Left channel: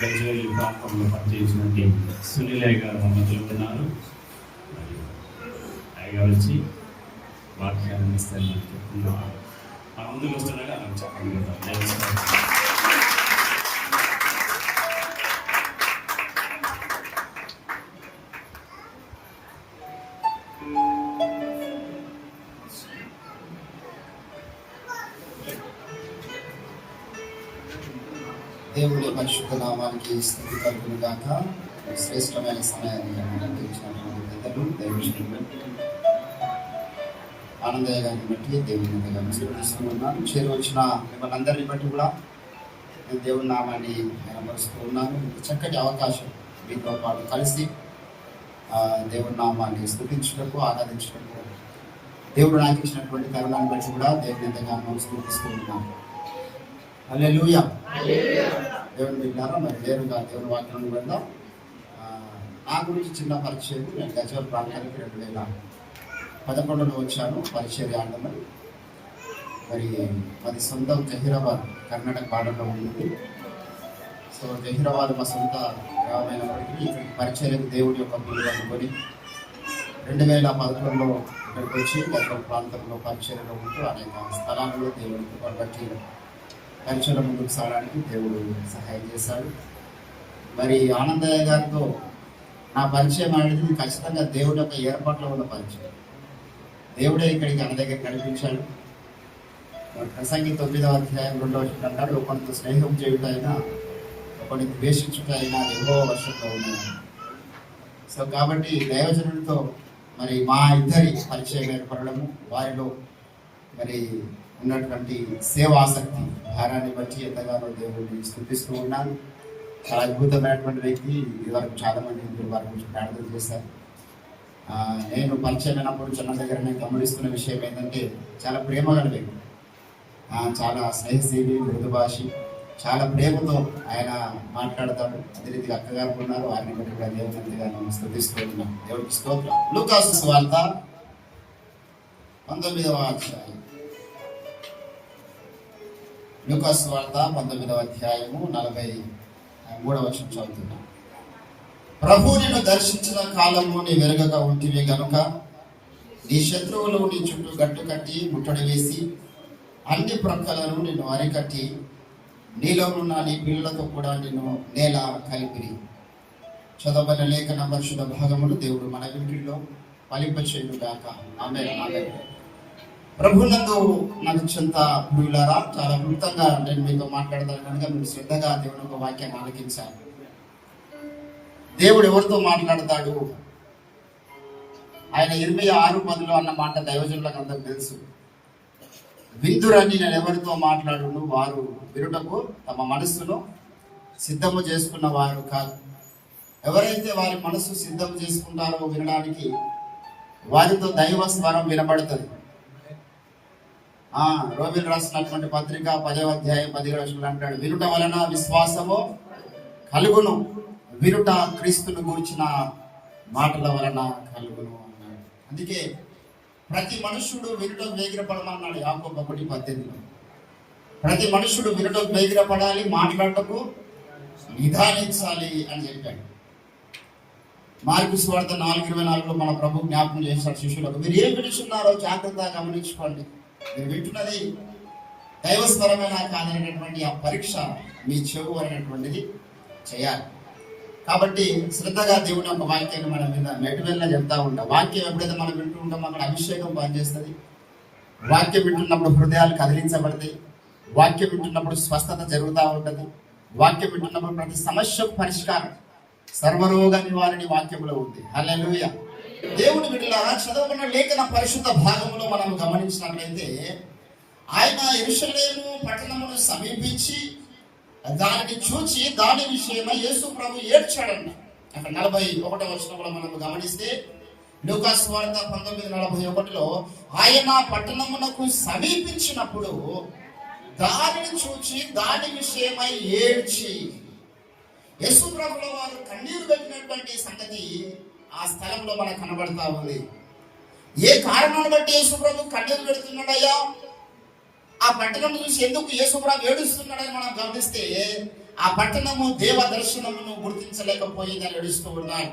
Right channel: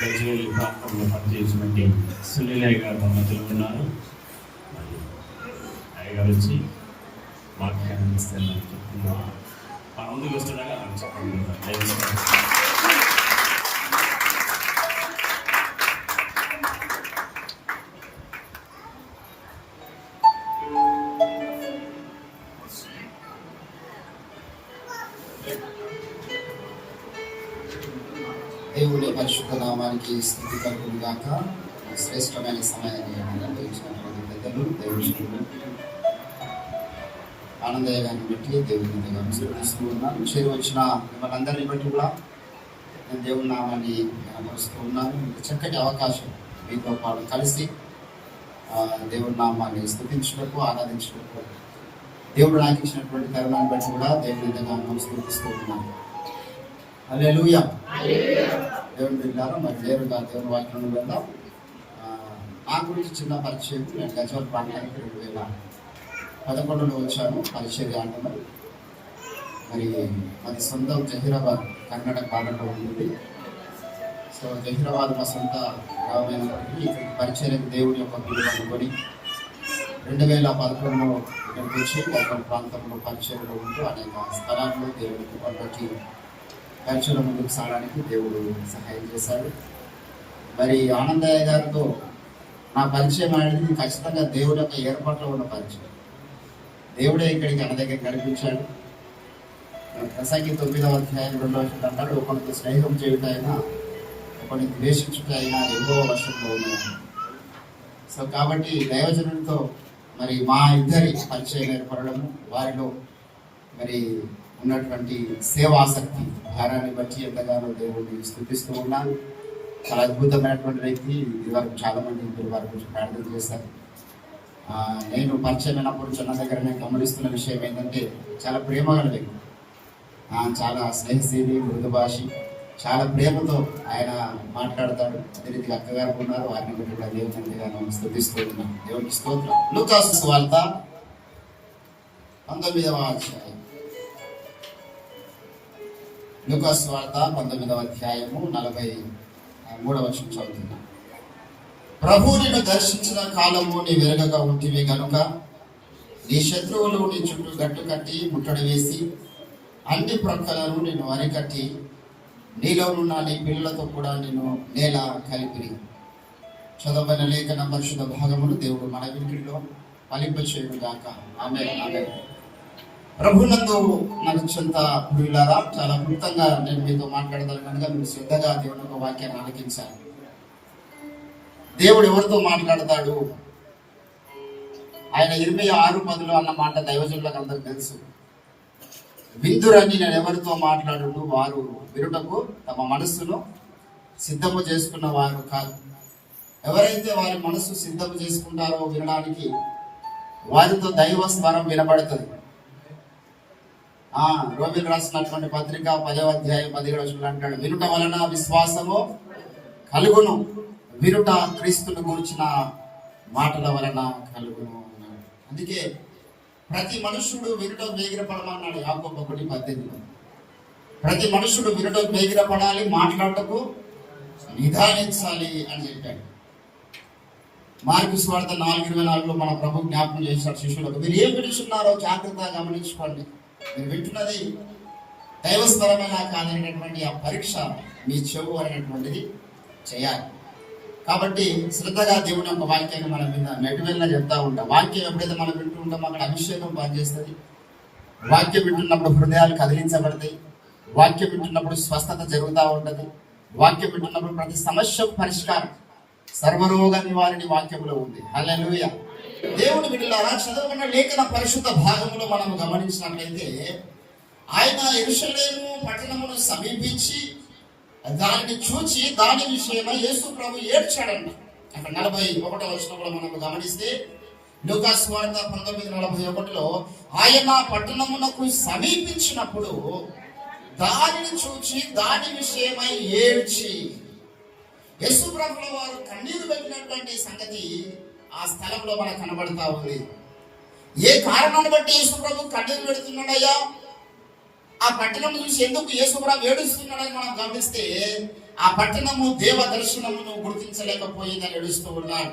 గజ్వేల్ ప్రాంతంలో పనిచేసినటువంటి సునీలయ్య గారు మధ్యలో ఉన్నారు. అయ్యగారు వచ్చి వాక్యాన్ని ఇస్తారని చెప్తున్నారు. ముందుకు వస్తుండగా చెప్పండి. దేవుడి పరిశుద్ధ నామానికి స్థితి కలుగును గాక. శ్రేష్టమైన సమయాన్ని అందించినటువంటి పెద్దలు దేవుడు ఆనందయ్య గారిని బట్టి దేవుని స్మరిస్తూ ఉన్నాను. చేరువచ్చిన మిమ్మల్ని అందరినీ బట్టి కూడా నేను దేవుని నామాన్ని కనపరుస్తూ ఉన్నాను. చక్కటి అవకాశం మీతో పాటు కలిసి దేవుడి నామాన్ని స్థుతించడానికి ఆరాధించడానికి దేవుడు నాకు ఇచ్చినటువంటి తరుణాన్ని బట్టి కూడా దేవుని ఎంతగానో స్థుతిస్తూ ఉన్నాను. హల్లెలూయా. దేవుని బిడ్డలారా, మరి నేరుగా దేవుని వాక్యాన్ని వెళ్దాం. నా గురించి చిన్న పరిచయం. నేను గజ్వేల్ ప్రాంతానికి 2011లో వచ్చాను పరిచర్య ఆటమని. మరి అది సొంతం జహీరాబాద్, కర్ణాటక బార్డర్లో ఉంటుంది. సో జహీరాబాద్ మా సొంత గ్రామమైనప్పటికీ ఇక్కడికి పరిచర్యకు దేవుడి యొక్క పిలుపు అనుకొని 2011లో ఇక్కడికి వచ్చి గజ్వేల్ ప్రాంతంలో పరిచర్యలో ఉంటూ అనేక స్థలాల్లో దేవుడికి బట్టి పరిచయం ముందుకు సాగడానికి దేవుడు సహాయం చేశాడు. మరి ఆనందయ్య గారితో నా పరిచయం అనేది ఖచ్చితంగా దేవుడి యొక్క ఏర్పాట్లో ఉన్న పరిచయం. దేవుడే ఇక్కడికి మన దగ్గర నడిపించాడు. ప్రసంగి 9వ అధ్యాయం 2వ వచనం అంటాడు, ఒకరికి స్నేహం చేయుటైనా ఒకరికి ద్వేషించుటైనా ఎన్నో వర్షంలో ఉన్నాడు. సో కాబట్టి దైవజనులతో మరి మా ఇద్దరి పరిచయం ఏర్పడము, వారిలో మరి ఉన్నటువంటి సేవాసక్తి భారాన్ని బట్టి ఎంతగానో దేవుడిని స్థుతిస్తూ ఉన్నాను. చాలా అద్భుతమైనటువంటి వ్యక్తి. ఇదివరకు చాలా మంది వారి గురించి ప్రార్థన చేశారు. నేను పరిచయం అయినప్పుడు చిన్న దగ్గర నేను గమనిస్తున్న విషయం ఏంటంటే చాలా ప్రేమ గల వ్యక్తి, చాలా స్నేహశీలి, మృదు భాషి, చాలా ప్రేమతో ఆయన మాట్లాడతాడు. అదే రీతిగా అక్కగారు ఉన్నారు, వారిని బట్టి కూడా దేవుని ఎంతగానో స్థుతిస్తూ ఉన్నాం. దేవునికి స్తోత్రం. లూకాసు సువార్త 19వ అధ్యాయం. లూకాసు వార్త 19వ అధ్యాయము 43వ వచనం చదువుతున్నా. ప్రభు నిన్ను దర్శించిన కాలము నీ వెరగక ఉంటివే గనుక నీ శత్రువులు నీ చుట్టూ గట్టు కట్టి ముట్టడి వేసి అన్ని ప్రక్కలను నేను అరికట్టి నీలోనున్న నీ పిల్లలతో కూడా నేను నేల కలిపిరి. చదవబడిన లేఖన పరిశుద్ధ భాగములు దేవుడు మన ఇంటిలో ఫలింపచేయుగాక. ఆమేన్. ప్రభునందు నాకు చెంత ప్రియులారా, చాలా క్లుప్తంగా నేను మీతో మాట్లాడతాను కనుక మీరు శ్రద్ధగా దేవుని ఒక వాక్యాన్ని ఆలకించాలి. దేవుడు ఎవరితో మాట్లాడతాడు? ఆయన 26:10 అన్న మాట దైవజనులకు అందరూ తెలుసు. విందురని నేను ఎవరితో మాట్లాడును, వారు వినుటకు తమ మనస్సును సిద్ధము చేసుకున్న వారు కాదు. ఎవరైతే వారి మనస్సు సిద్ధం చేసుకుంటారో వినడానికి, వారితో దైవ స్వరం వినబడుతుంది. రోమిలు రాసినటువంటి పత్రిక 10వ అధ్యాయం 17వ వచనంలో అంటాడు, వినుట వలన విశ్వాసము కలుగును, వినుట క్రీస్తును గురించిన మాటల వలన కలుగును అన్నాడు. అందుకే ప్రతి మనుషుడు వినుటకు వేగిరపడమన్నాడు యాకోబు 1:18. ప్రతి మనుషుడు వినుటకు వేగిరపడాలి, మాట్లాడటకు నిదానించాలి అని చెప్పాడు. మార్కు సువార్త 4:24లో మన ప్రభు జ్ఞాపకం చేశాడు శిష్యులకు, మీరు ఏం వింటున్నారో జాగ్రత్తగా గమనించుకోండి. మీరు వింటున్నది దైవస్వరమైన కాదనేటటువంటి ఆ పరీక్ష మీ చెవు అనేటువంటిది చేయాలి. కాబట్టి శ్రద్ధగా దేవుని యొక్క వాక్యాన్ని మన మీద మెటువెల్లా చెప్తా ఉంటాం. వాక్యం ఎప్పుడైతే మనం వింటూ ఉంటామో అక్కడ అభిషేకం పనిచేస్తుంది. వాక్యం వింటున్నప్పుడు హృదయాలు కదిలించబడతాయి. వాక్యం వింటున్నప్పుడు స్వస్థత జరుగుతూ ఉంటుంది. వాక్యం వింటున్నప్పుడు ప్రతి సమస్య పరిష్కారం, సర్వరోగ నివారణి వాక్యంలో ఉంది. హల్లెలూయా. దేవుని బిడ్డలారా, చదవబడిన లేఖన పరిశుద్ధ భాగంలో మనం గమనించినట్లయితే, ఆయన యెరూషలేము పట్టణమును సమీపించి దానిని చూచి దాని విషయమై యేసు ప్రభు ఏడ్చాడంట. అక్కడ 41వ వచనంలో మనం గమనిస్తే, లూకా సువార్త 19:41లో ఆయన పట్టణమునకు సమీపించినప్పుడు దానిని చూచి దాని విషయమై ఏడ్చి, యేసు ప్రభుల వారు కన్నీరు పెట్టినటువంటి సంగతి ఆ స్థలంలో మనకు కనబడతా ఉంది. ఏ కారణాన్ని బట్టి యేసు ప్రభు కన్నీరు పెడుతున్నాడయ్యా, ఆ పట్టణం చూసి ఎందుకు యేసు ప్రభు ఏడుస్తున్నాడని మనం గమనిస్తే, ఆ పట్టణము దేవ దర్శనమును గుర్తించలేకపోయిందని ఏడుస్తూ ఉన్నాడు.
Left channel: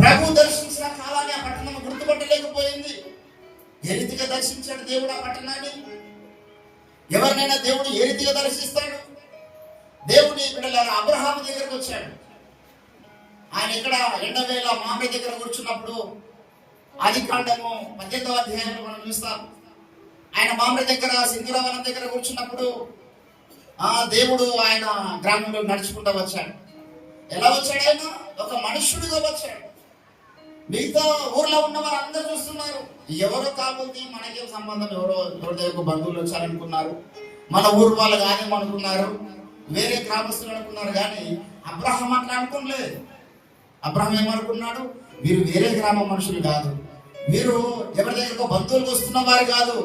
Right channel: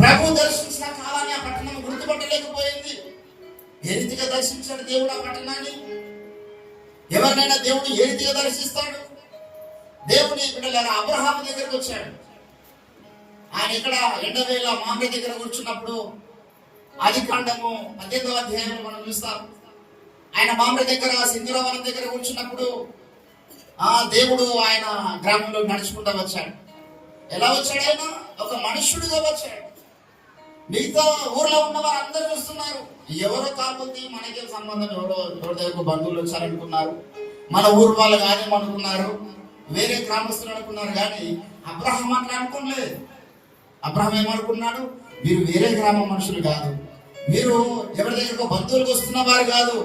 ప్రభు దర్శించిన కాలాన్ని ఆ పట్టణము గుర్తుపట్టలేకపోయింది. ఏ రీతిగా దర్శించాడు దేవుడు ఆ పట్టణాన్ని? ఎవరినైనా దేవుడు ఏ రీతిగా దర్శిస్తాడు? దేవుని బిడ్డలారా, అబ్రహాము దగ్గరకు వచ్చాడు. ఆయన ఇక్కడ ఎండవేళ మామిడి దగ్గర కూర్చున్నప్పుడు ఆదికాండము 18వ అధ్యాయంలో మనం చూస్తాం. ఆయన మామిడి దగ్గర సింధూరవనం దగ్గర కూర్చున్నప్పుడు దేవుడు ఆయన గ్రామంలో నడుచుకుంటూ వచ్చాడు. ఎలా వచ్చాడు? ఆయన ఒక మనుష్యుడిగా వచ్చాడు. మిగతా ఊర్లో ఉన్న వారు అందరూ చూస్తున్నారు. ఎవరో కాకపోతే మనకేం సంబంధం, ఎవరో దగ్గర బంధువులు వచ్చారనుకున్నారు, మన ఊరు వాళ్ళు కానీ అనుకున్నారు, వేరే గ్రామస్తులు అనుకున్నారు. కానీ అబ్రహాం అట్లా అనుకోలేదు. అబ్రహాం ఏమనుకున్నాడు? వీరు వేరే గ్రామ మనుషులు కాదు, వీరు ఎవరి దగ్గరకు బంధువులకు వస్తున్న వారు కాదు,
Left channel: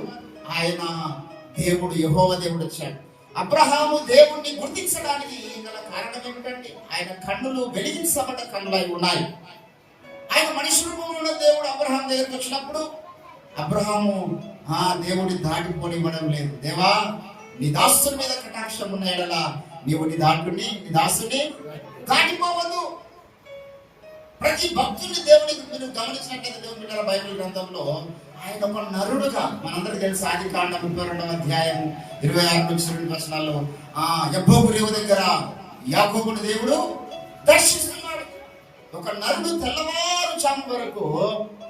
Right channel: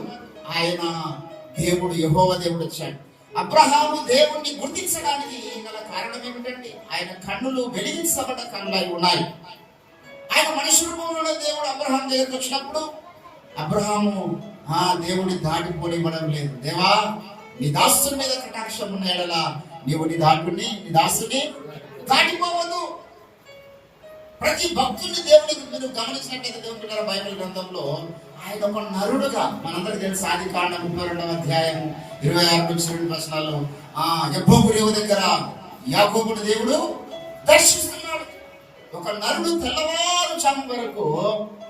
ఆయన దేవుడు యెహోవా దేవుడు వచ్చాడు. అబ్రహాము దేవుణ్ణి గుర్తించడానికి గల కారణం ఏమిటంటే, ఆయన కన్నులు వెలిగించబడ్డ కన్నులై ఉన్నాయి. ఆయన మనిషి రూపంలో దేవుడు అబ్రహాం దగ్గరకు వచ్చినప్పుడు అబ్రహాము దేవుడి దాటిపోనివ్వడం లేదు. దేవా, నీ దాసుని మీద కటాక్షం ఉన్న ఎడలా నీవు నీ దాసుని దాటిపోవద్దు. ప్రతి భక్తుని దేవుడికి మీరు గమనించినట్లయితే దేవుడి బైబిల్ గ్రంథంలో ఆయన ఒక నరుడుగా, మనందరికీ తెలుసు ఆదికాండం 32వ అధ్యాయం 26 వచనాల్లో యబ్బోకు రేవు దగ్గర యాకోబుని దేవుడు దర్శిస్తున్నాడు. ఒక నరుడు తెల్లవారుజాము వరకు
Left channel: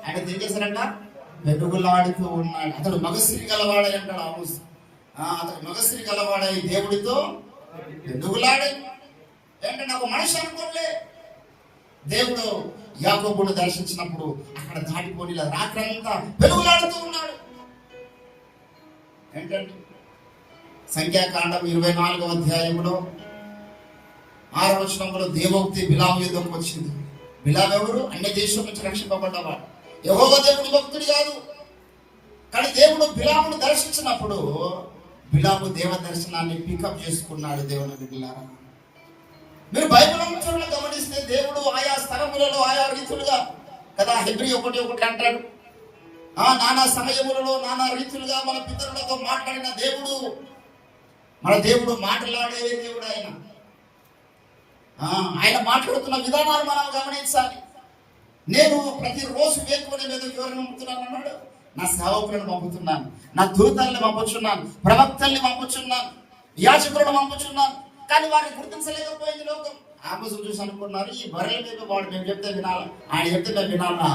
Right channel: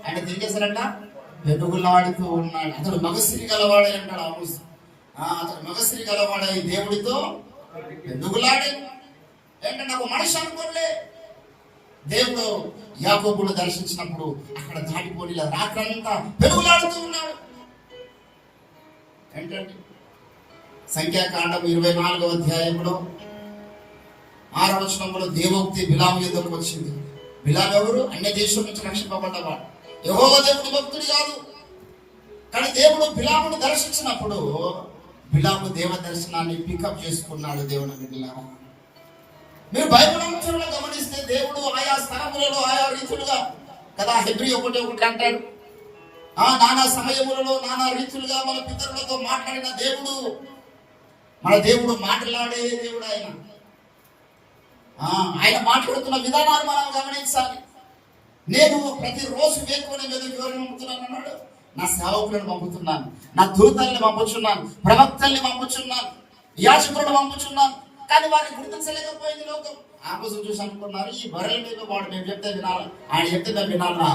ఆయన ఏం చేశారంట? వెలుగులాడుతూ ఉన్నాడు. అతడు మగసిరి గలవాడై అంటాడు ఆమోస్. అతడు మగసిరి గలవాడై దేవుడితో వెలుగులాడే. ఏంటంటే ఒక మనిషి అనుకోలే. దేవుడు యాకోబును దర్శించినప్పుడు అక్కడ దాటిపోని రాత్రంతా వెలుగులాడుతూ ఉన్నాడు. ఏంటంటే సంఖ్యాకాండం 24వ అధ్యాయంలో 6వ వచనంలో దేవోక్తి బిలాము యుద్ధకు వచ్చింది. బిలాము ఎవరు? అన్య దేశం నుంచి రక్షింపబడ్డవాడు. యెహోవా దేవుడి భక్తుడు కాదు. కానీ దేవుడు బిలామును దర్శించినప్పుడు బిలాము దేవ దర్శనాన్ని పికప్ చేసుకున్నాడు. దేవుని బిడ్డలారా, మీరు బైబిల్ అంశాలను గమనిస్తే దేవుడు ఆయా స్థలములలో ఆయా రీతులుగా కదా, హెబ్రీ 1:1 అంటాడు, నానా సమయములలో నానా రీతులుగా మన పితరులతో మాట్లాడిన దేవుడు, మన దేవుడు మాట్లాడే దేవుడు. ఆయన మాట్లాడుతున్న విధానాలు మనం గమనించాలి. నేను ప్రతిరోజు వేకునే మీద వివరణ అన్నాడు. నా సేవకులను పంపుతున్నాను, నా దూతల్ని పంపుచున్నాను, ప్రవక్తల్ని పంపుచున్నాను, యాజకులను పంపుచున్నాను. కానీ వారిని గుర్తించలేకపోయింది లోకం. ఆ కోసం చూసి అనుకున్నారు, ఈ బర్రెల మీద వాడు మేము చెప్తే వినాలా, ఆయన చెప్తే మేము వినాలా,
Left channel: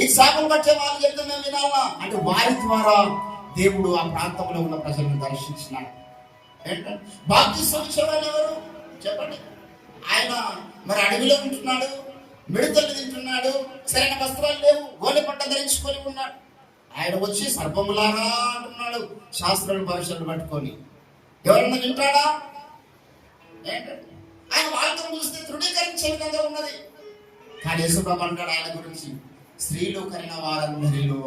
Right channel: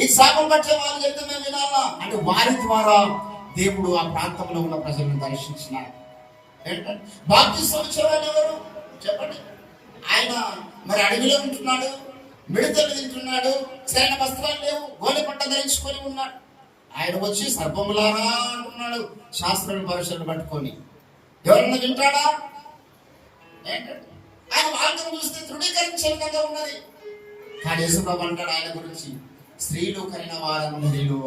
ఈ చేపలు పట్టే వాళ్ళు చెప్తే మేము వినాలా అంటే వారి ద్వారా దేవుడు ఆ ప్రాంతంలో ఉన్న ప్రజలను దర్శించినాడు. ఏంటంటే బాప్తిస్మం ఇచ్చేవాడు ఎవరు చెప్పండి? ఆయన మరి అడవిలో ఉంటున్నాడు, మిడతలు తింటున్నాడు, సరైన వస్త్రాలు లేవు, గోనె పట్ట ధరించుకొని ఉన్నాడు. ఆయన వచ్చి సర్పములారా అంటున్నాడు శాస్త్రాలు పరుషులు పట్టుకొని. ఎవరన్నా వింటాడా? ఏంటంటే ఆయన వాళ్ళతో చూస్తే తృణీకరించే విధంగా ఉన్నది. కానీ యేసుప్రభు అంటాడు ఆయన గురించి, స్త్రీలు కలిగిన వారందరిలో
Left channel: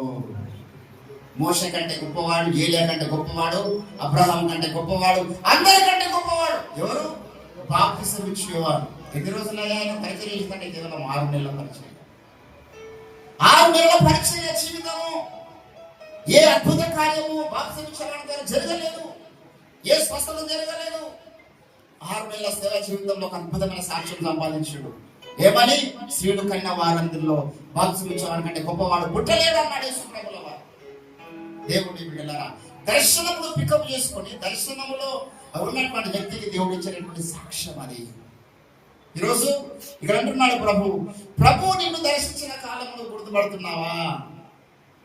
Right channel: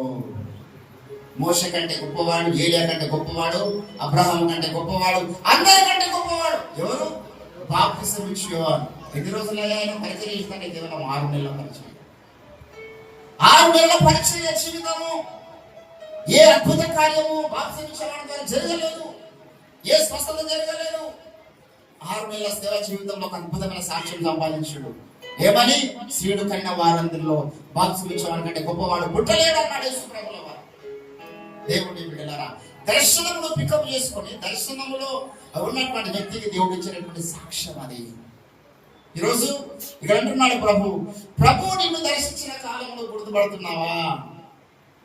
మోషే కంటే గొప్పవాడు, ఏలియా కంటే గొప్పవాడు, అబ్రహాం కంటే గొప్పవాడు, అందరికంటే గొప్పవాడు ఎవరు? బాప్తిసం ఇచ్చేవాడు. ఎన్ని రోజులైనా ఆయన పరిచయం చేస్తుంటే కేవలం 6 నెలల పరిచయం. 6 నెలల పరిచయ జీవితము. ఏ అద్భుత కార్యము బాప్తిసం ఇచ్చేవాడు జరగలేదు, ఏ స్వస్థత జరగలేదు. 6 నెలల సేవ జీవితంలో ఒక అద్భుతమైన సాక్ష్యం సంపాదించాడు. ఏమని? స్త్రీలు కన్న వారందరిలో బాప్తిసం ఇచ్చేవాడి కంటే గొప్పవాడు పుట్టలేదన్నాడు యేసుప్రభుల వారు. దేవుని బిడ్డలారా, దర్శనములో పికప్ చేసుకొని దర్శనములో ఉన్నటువంటి వ్యక్తికి దేవుడు ఇచ్చినటువంటి సాక్ష్యం అది. ఈరోజు ఇక్కడ అంటున్నాడు ప్రభు నిన్ను దర్శించిన కాలంలో గుర్తుపడుతున్నావా?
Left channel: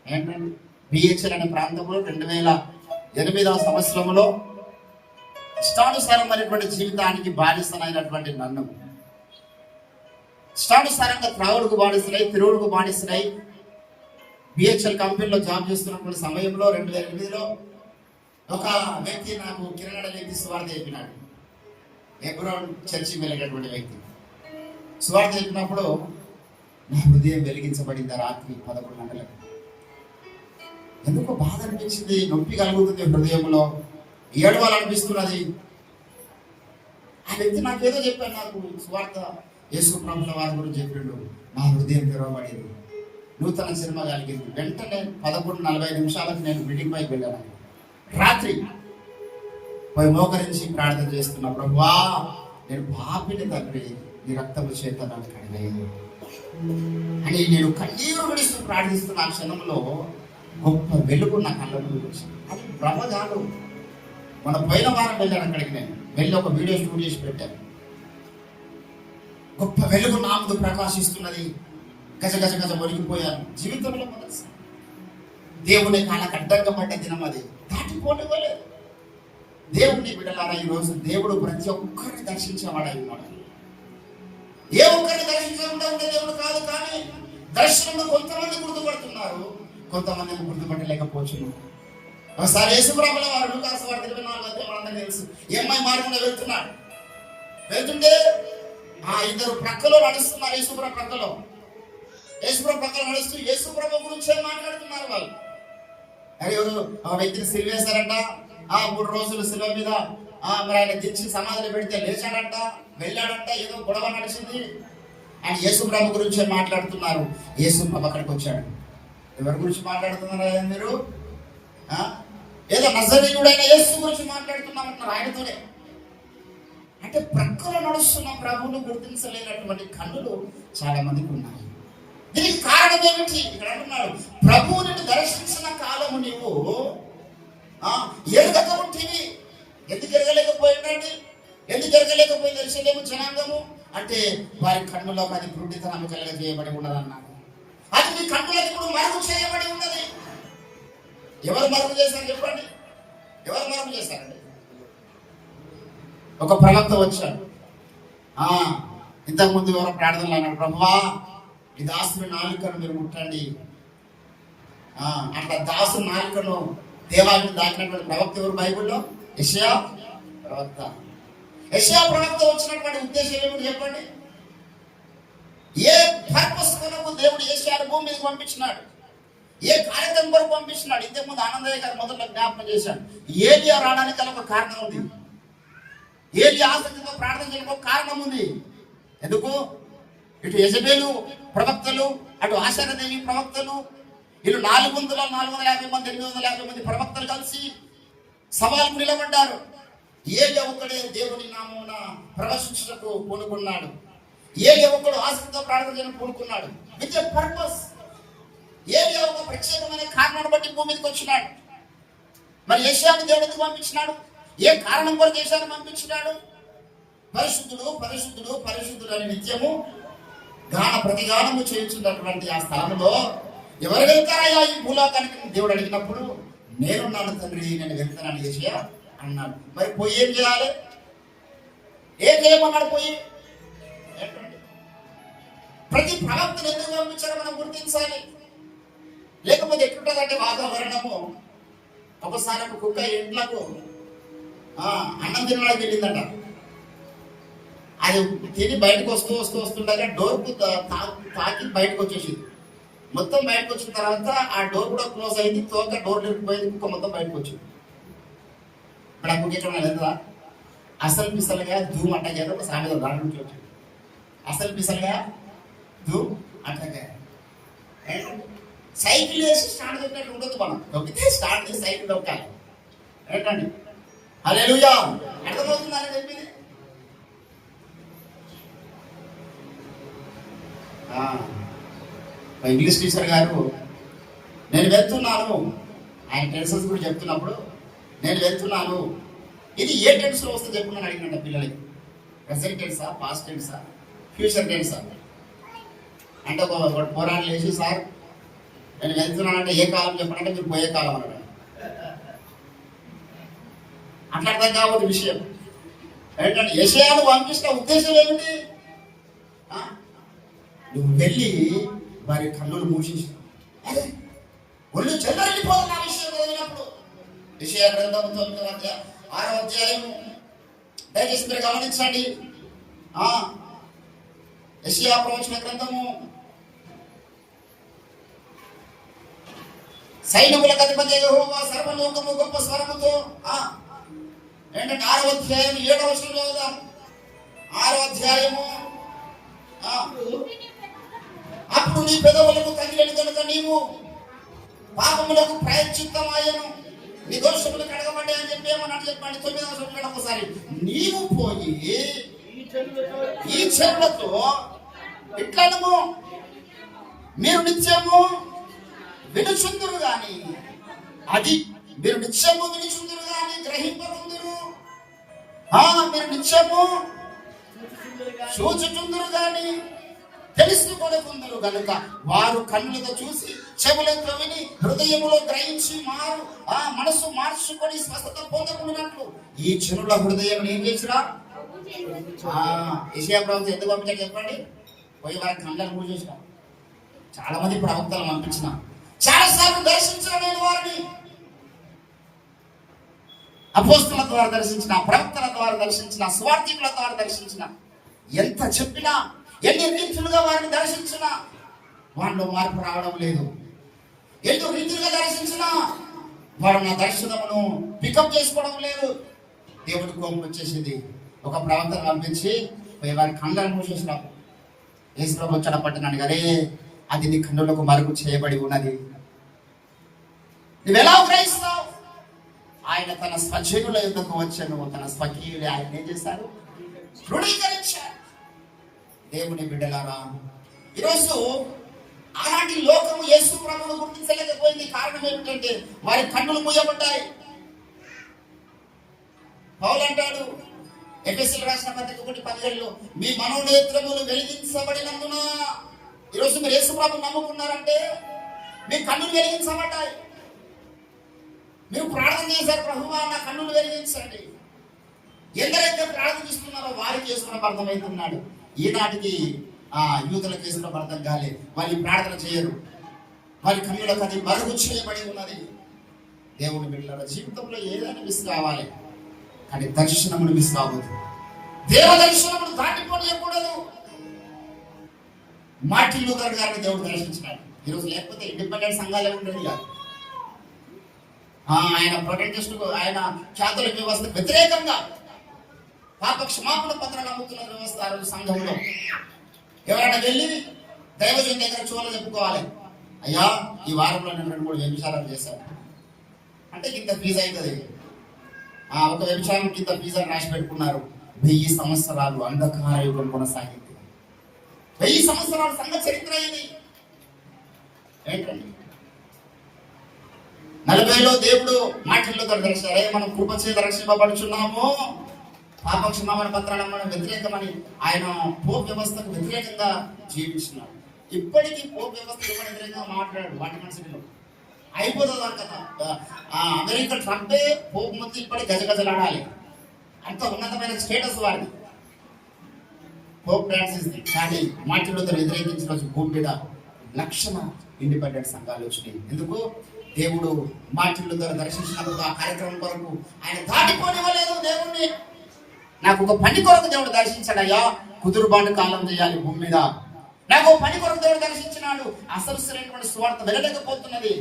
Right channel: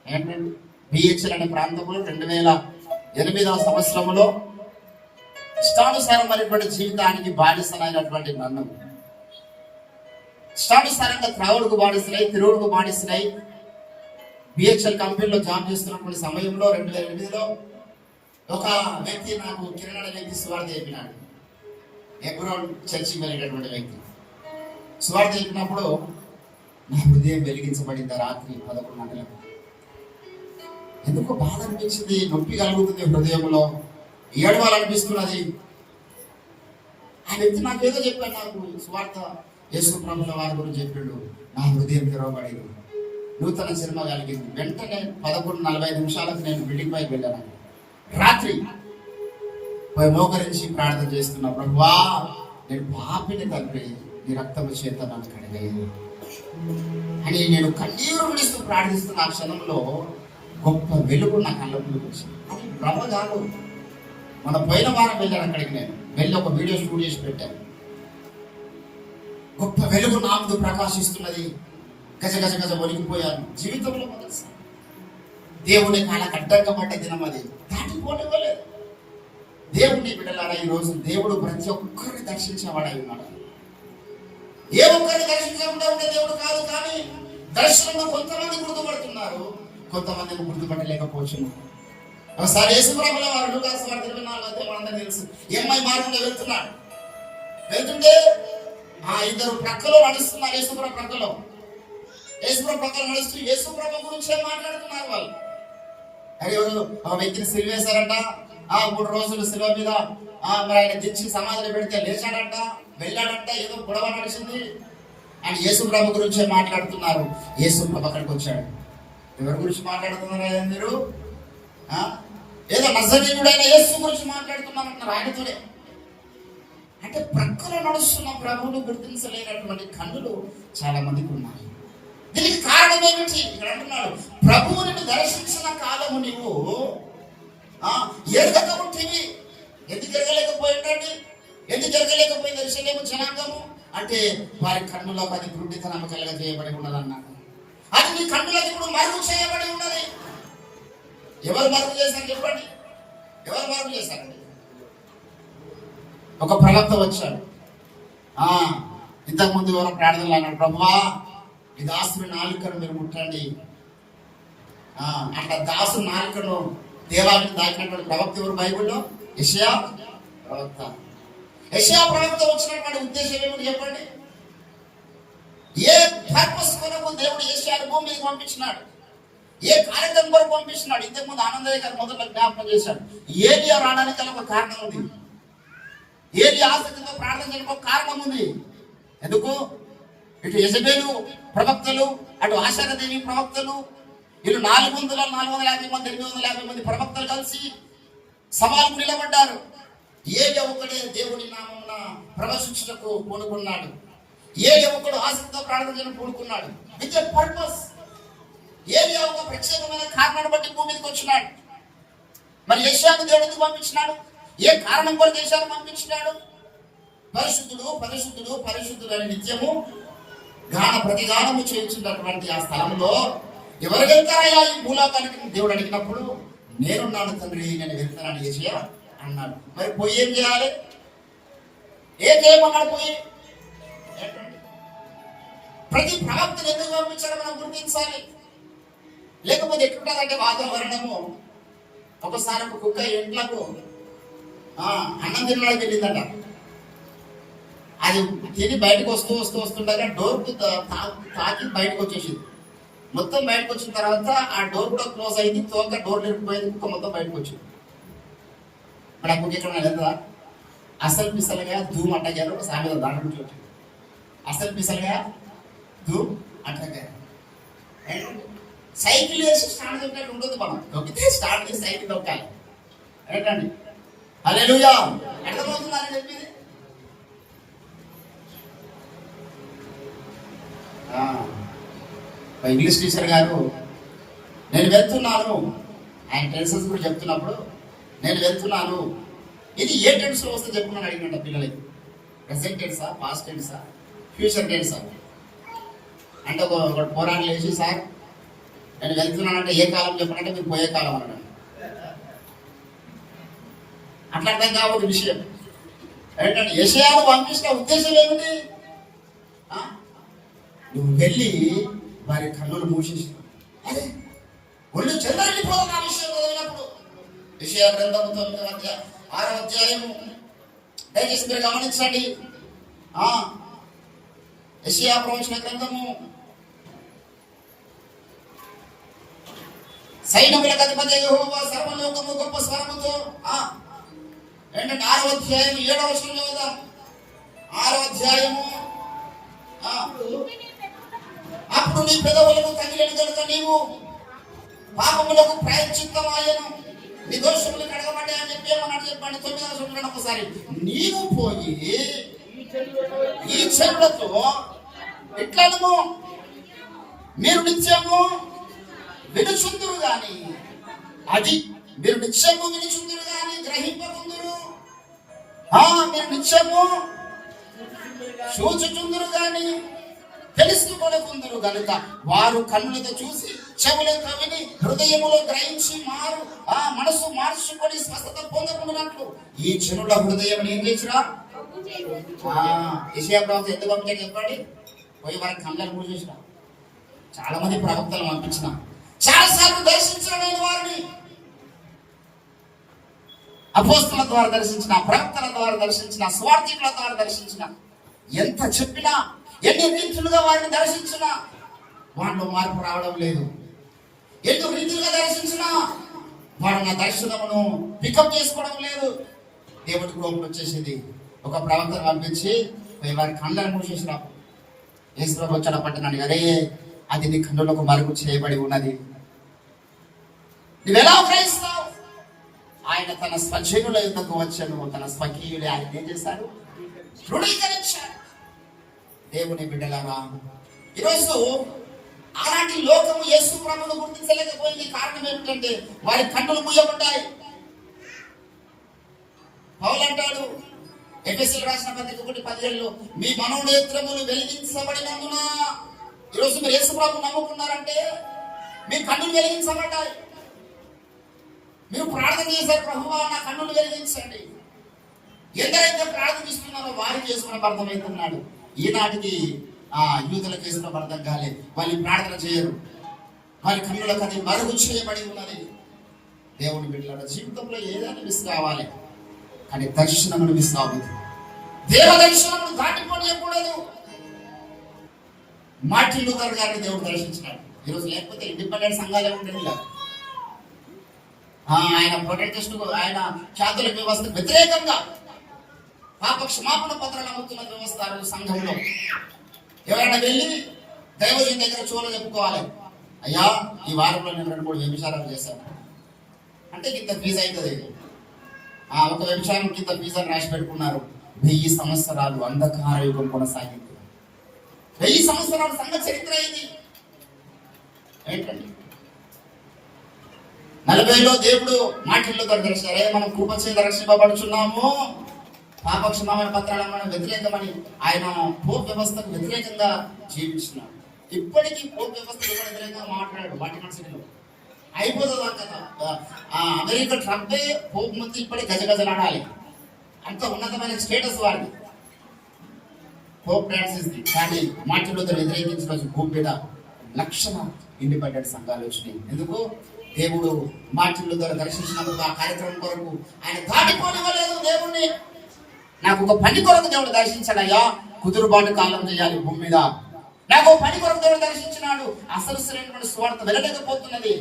ఏంటంటే బిహెచ్ఎల్ అనే ప్రాంతంలో 2008వ సంవత్సరంలో ఇష్టానుసారమైనటువంటి జీవితానికి బానిసనైనటువంటి నన్ను, ఇష్టానుసారంగా త్రావుడుకు బానిస్తున్నాయి, తిరుగుడుకు బానిస్తున్నాయి, బిహెచ్ఎల్ కంపెనీలో జాబ్ చేస్తున్నటువంటి సమయంలో 2008లో ఒక వ్యక్తి నాకు కిరణ్ అనే వ్యక్తి సువార్త చెప్పినాడు. ఎబ్రోన్ చర్చికి వెళ్ళేటటువంటి వ్యక్తి సువార్త చెప్పినప్పుడు నా హృదయం వెలిగించబడింది. రాత్రి 11 గంటలకు ఎందుకో బాధ అనిపించింది, నొప్పి కలుగుతుంది హృదయంలో, ఏడవాలనిపిస్తున్నది. ఆ వ్యక్తి నాకేదో చెప్పాడు, నాకు సువార్త యేసుప్రభుల వారి గురించి చెప్పాడు. నా హృదయం తెరవబడేది, నూతన సినిమా కలిగింది. వెంటనే 11:45 నేను బిల్డింగ్ పైకి వెళ్ళాను. రాత్రి పోయి మోకరించి ప్రార్థన చేస్తున్నా, ప్రభువా నేను పాపిని తండ్రి, నీ రక్తము చేత నన్ను కడిగేయు అని నేను కన్నీరు విడుస్తూ ప్రార్థిస్తున్న ఆ క్షణంలో గొప్ప వెలుగు నా కళ్ళకు వచ్చింది. అది బ్రహ్మజాలు. మన పోయిన వారం వెళ్ళాను అక్కడికి, నేను వెళ్ళి ఒక వీడియో షూట్ చేసి పెట్టాను. గొప్ప వెలుగు నా ముందు ప్రకాశిస్తున్నది. గజ గజ గజ ఒలిగిపోయాను. జీవితంలో దేవుని కాళ్ళకు అడ్డంగా పడ్డ దినం అది, దాటిపోనివ్వలేదు. దేవుని బిడ్డలారా, ఈ రోజు దేవుడు ప్రతి ఒక్కరిని దర్శించేవాడై ఉన్నాడు. ఏ ఒక్కరిని దర్శించకుండా ఉంటే దేవుడు కాదు. కానీ దర్శనంలో కొంతమంది గుర్తుపడుతున్నారు, కొంతమంది గుర్తుపట్టలేకపోవచ్చు. ఒకసారి యేసుప్రభుల వారు లూకాసు వార్త 24 మనందరికీ తెలుసు. ఏమై మార్గంలో వెళ్తుంటే ఆ 2 ప్రక్కలో నడుస్తున్నారు. యేసుప్రభు ప్రక్కలో నడుస్తూ యేసుప్రభు గురించే మాట్లాడుతున్నారు వాళ్ళు. అయ్యో ఆ వ్యక్తిని సిలువేశారంట, 3 రోజులు సిలువ మీద మరి ఆయన తెచ్చి సమాధిలో పెడితే లేచాడంట, వెళ్ళాడంట, ఏదో గొడవ నడిచింది అని యేసుప్రభు గురించే మాట్లాడుతున్నారు. యేసుప్రభు అక్కడికి వచ్చాడు. ఎవరి గురించి మాట్లాడుతున్నారా మీరు? ఏదో నజరేయుడైన యేసు గురించి మాట్లాడుతున్నామంటున్నారు ఆయనతోనే. అంటే ప్రక్కలో నడుస్తున్న ప్రభువును గుర్తించలేనటువంటి కన్నులు చాలా మందికి ఉన్నాయి. దీనికి కారణం ఏమిటి? ఇక్కడ అంటున్నాడు, ప్రభువుని దర్శించిన కాలము నీవు ఎరగకపోతేవి. ఎందుకు ఎరగలేకపోయిందండి? ఎందుకు ఎరగలేకపోయింది యెరూషలేము జనాంగము అంటే వారి కన్నులకు అది గుడ్డితనం కలగజేయబడి ఉన్నదన్నాడు. అది నీ కన్నులకు ఇప్పుడు మరుగు చేయబడి ఉన్నది. ఎవరు మరుగు చేశారు చెప్పండి? ఎవరు మరుగు చేశారండి? ఒక ప్రవక్త వచ్చాడు. ఇంతకుముందు ఎవరో ప్రార్థనలు అన్నాడు, ప్రభువా ఈ దాసుని నాలుకను మీరు ముట్టండి. అట్లా దాసు నాలుకను దేవాలయం దాటినటువంటి ప్రవక్త ఎవరు బైబిల్లో? యెషయా ప్రవక్త. యెషయా ప్రవక్త వచ్చినటువంటి ఉద్దేశం ఏమిటి చెప్పండి? ఏ పర్పస్ కొరకు దేవుడు యెషయాను భూమి మీదకి పంపించినాడు? ఏ కార్యక్రమం కొరకు పంపించినాడు? ఇంతకుముందు ఆనందయ్య గారు మొదట్లో జ్ఞాపకం చేశాడు. ఏలియా రావడానికి ఒక కారణం ఉంది. ఏలియా ఆసక్తితో ప్రార్థన చేయడానికి ఒక కారణం ఉంది. ఎందుకు? ఇటు యెజబేలు ప్రవక్తలు, అటు ఆశారదేవి ప్రవక్తలు, వీళ్ళు 450 మంది 850 మంది ప్రవక్తలు కలిసి సవాలుకు నిలబడ్డారు. ఏలియా ఒక్కడే దేవుని నామమున ప్రవశించుటకు పూనుకున్నాడు. ఏలియా ఒక్కడు ఆసక్తితో ప్రార్థన చేయడం పూనుకున్నాడు. With a purpose. ఏలియా ఒక ప్రత్యేకమైన కారణాన్ని బట్టి భూమి మీదకి వచ్చినాడు. మరి యెషయాను దేవుడు ఎందుకు పంపించినాడు? ఏ కారణం కొరకు యెషయాను పంపించినాడు? పరిశుద్ధుడు పరిశుద్ధుడు పరిశుద్ధుడు అని నిత్యము గాన ప్రతిగానము చేయించున్నటువంటి ఆ స్థలంలో ఎవరు వెళ్తారయ్యా ఈ భూలోకానికి దేవుడు అడిగినప్పుడు, నేనున్నాను తండ్రి, నేను వెళ్తానని యెషయా అన్నాడు. మరి పోయి ఏం చేయాలి? ఏం చేయమన్నాడు? పోయి ప్రతి ప్రవక్తను ఎందుకు పంపించాలో మనం గుర్తించాలి. లేకపోతే ఎట్లుంటుందంటే వాతావరణము, ఒకసారి ఒక కుక్క ఇంట్లకు అన్నం తినడానికి వెళ్ళిందట. అది తిని బయటకు వస్తుండగా డోర్కు తాకి బయటకు వచ్చేసింది. మొత్తం బయటకు వచ్చిన తర్వాత ఆ డోర్ కూడా క్లోజ్ అయింది. తోక డోర్ లేకపోయింది, కుక్క మొత్తం బయటకు వచ్చింది. ఇప్పుడు ఆ కుక్క ఎట్లా లేదా? అసలు పిసలుగా ధూమ్ అట్టగారు ఒక సామెత దాని నుంచి వచ్చింది. అసలు పిసలుగా ధూమ్ అట్టగారు. సైకిల్ వేసి స్టార్ట్ దొక్కినట్టు ఉండదు. మనం దొక్కితే స్టార్ట్ చేసి సైకిల్ దొక్కాలి. ఏంటండి? హల్లెలూయా. అర్థమవుతుందని చెప్పింది. ఇంగ్లీష్ టీచర్ గారు, నేను వెళ్తున్నాను, ఆయన టెన్సెస్ కూడా చెప్తున్నప్పుడు, నేను వెళ్తున్నాను, ఇది ఏ టెన్స్ లో వస్తే చెప్పుకున్నాను అడిగినట్ట పిల్లలకి. ప్రెసెంట్ టెన్సా, పాస్ట్ టెన్సా, ఫ్యూచర్ టెన్సా అంటే ఒక పోరాటం వేసి, సార్ నేను వెళ్తున్నానంటే ఏ కాలం చెప్పనంటే మీరు పోయే కాలం అన్నాడు. అట్లా అర్థం కాబట్టి విషయం ఏంటంటే యెషయాను పంపించిన ఉద్దేశం ఏమిటి? నువ్వు వెళ్ళి వారి కన్నులు మూసేసి ఒళ్ళు చెల్లరిపోదాం ఆ విషయం చదివినప్పుడు. యెషయా గ్రంథము 6వ అధ్యాయము దయచేసి మీరు గమనించండి. యెషయా ప్రవచన గ్రంథము సైన్యములకు అధిపతి యెహోవా సర్వలోకము గొప్ప స్వరముతో ఏంటంటే 6వ అధ్యాయం 7వ వచనంలో చదువుదాం. 6వ అధ్యాయము అప్పుడు నీ పెదవులకు తగిలిన కనుక నీవు పాపములకు ప్రాయశ్చిత్తమాయను, నీ దోషములు కడగబడ్డాయి అని చెప్పి ఏమన్నాడు చెప్పండి. 9వ వచనంలో ఒకసారి, నీవు పోయి ఈ చెరులతో ఇట్లను మీరు నిత్యము వినుచుందురు గాని, అది మీరు నిత్యము వినుచుందురు గాని గ్రహింపకుందురు, మీరు నిత్యము చూచుచుందురు గాని తెలుసుకొనకుందురు గనుక వారు కన్నులతో చూసి చెవులతో విని హృదయములో గ్రహించి మనసు మార్చుకొని స్వస్థత పొందకున్నట్లు ఈ చెరువుల హృదయం ఏం చేసిరా? యెషయా ప్రవక్త ఎందుకు పంపించాడు చెప్పండి? పోయి వారి కళ్ళను మూడు చేసిన. చాలా మంది ప్రవక్తలు పంపించిన, చాలా సార్లు దర్శించిన, నేను వారిని అపోస్తల ద్వారా దర్శించిన, ప్రవక్తల ద్వారా దర్శించిన, స్వార్థికుల ద్వారా దర్శించిన, ఎంత చెప్పినా ఎన్ని రీతులుగా వారిని దర్శించినా వారిలో మార్పు రావడం లేదు. ఎన్ని రీతులుగా దర్శించినా వారు నా దర్శనమును పికప్ చేసుకోవడం లేదు. దేవుడి కోపం వచ్చేసింది. ఒక ప్రవక్తను పంపించి వారి కళ్ళను మూసేసినప్పుడు యేసు వచ్చాడు పట్టినాడు, అరే అది నీ కన్నులకు మరుగు చేయబడి ఉన్నది, నువ్వెలా గ్రహిస్తావు? ఆయన తన స్వజనుల యుద్ధకు వచ్చాను, తన స్వకీయులే ఆయన ఏం చేశారు? తృణీకరించారు. దేవుని బిడ్డలారా, ఈరోజు అలాంటి లోకము యేసు ప్రభువును గుర్తించలేకపోయింది. కారణం ఏమిటంటే వారి కన్నులు మూయబడ్డాయి. పౌలు అంటాడు ఎఫెసీయులకు రాసిన పత్రిక 1:17, మీ మనోనేత్రములు వెలిగించబడినందున, ఈరోజు మీరు యేసు ప్రభువును నమ్ముకున్నారంటే మీ కన్నులు వెలిగించబడ్డాయి. మీరు ప్రార్థన చేశారు, ప్రభువా నా కన్నులు వెలిగించండి. ఎందరైతే ప్రార్థిస్తున్నారో వారికి యేసు అర్థమవుతున్నాడు. ఈనాటికి యూదులకు యేసు అర్థం కాలేదు. వాళ్ళు ప్రార్థన చేయరు, వాళ్ళ కన్నులకు అది మరుగు చేయబడి ఉన్నది. దేవుని బిడ్డల జీవితంలో ఏదైనా మిస్ కావాలి, కానీ దర్శనమును మిస్ అవ్వదు. దేవ దర్శనమును దాటిపోనియకూడదు. మార్టిన్ లూథర్ గారిని దేవుడు దర్శించినాడు. ఈరోజు లేకపోతే ఇండిపెండెంట్ సంఘాలు ఉంటుంది కాదు. ఆయన ప్రొటెస్ట్, ఆయన చాతుర్య వ్యవస్థ వ్యతిరేకంగా పాప క్షమాపణ పత్రాలు అమ్ముతున్న వ్యవస్థ సంఘంలో ఎవరైనా వెళ్ళి దైవజన్ దగ్గర చూడని చెప్పుకోవాలి, అయ్యా ఈ వారంలో నేను 2-3 వ్యభిచారాలు చేశాను అంటే ఇంత ఫీజు అవుతుంది. ఒక వ్యభిచారం ఇంత ఫీజు అని రాసి పెట్టుకున్నారు. 1000 సంవత్సరాలు అంధకార యుగం కొనసాగింది. 1000 సంవత్సరాల సంఘ చరిత్ర ఇది ఏంటండి? 40లో దేవుడు మాటల్లో దర్శించారే మనం కృప చేత రక్షింపబడుచున్నాము, పాపక్షమాపణ పత్రాలను మనం వ్యతిరేకమని ఆయన పోప్ వ్యవస్థకు వ్యతిరేకంగా జీవించినాడు. ఇప్పటికీ పోప్ వ్యవస్థకు వ్యతిరేకంగా మాట్లాడాడు వాటికన్ సిటీలో. అయిపోతుంది కదా, అమెరికా ట్రంపే పోప్ ముందు ఇప్పటికి గజగజలాడాలి, అంత ఉన్నతమైన స్టేటస్ వాడిది పోప్ ఫ్రాన్సిస్. కానీ మార్టిన్ లూథర్ వ్యతిరేకించిన రోజు భూమి మీద లక్షల ఇండిపెండెంట్ సంఘాలు వచ్చినాయి. ఎందుకు? దేవుడు మార్టిన్ లూథర్ దర్శించినప్పుడు ఆ కార్యక్రమం కొరకు ఆయన దాటిపోనివ్వలేదు దేవుణ్ణి. నాకు ఒక పని కొరకు దేవుడు దర్శించాడయ్యా, కుదురుబాటు కాలం చేయాలి భూమి మీద. నాకు పని కొరకు దేవుడు దర్శించినాడు, అసలు సరైనటువంటి సువార్త వెళ్ళలేకపోతున్నది,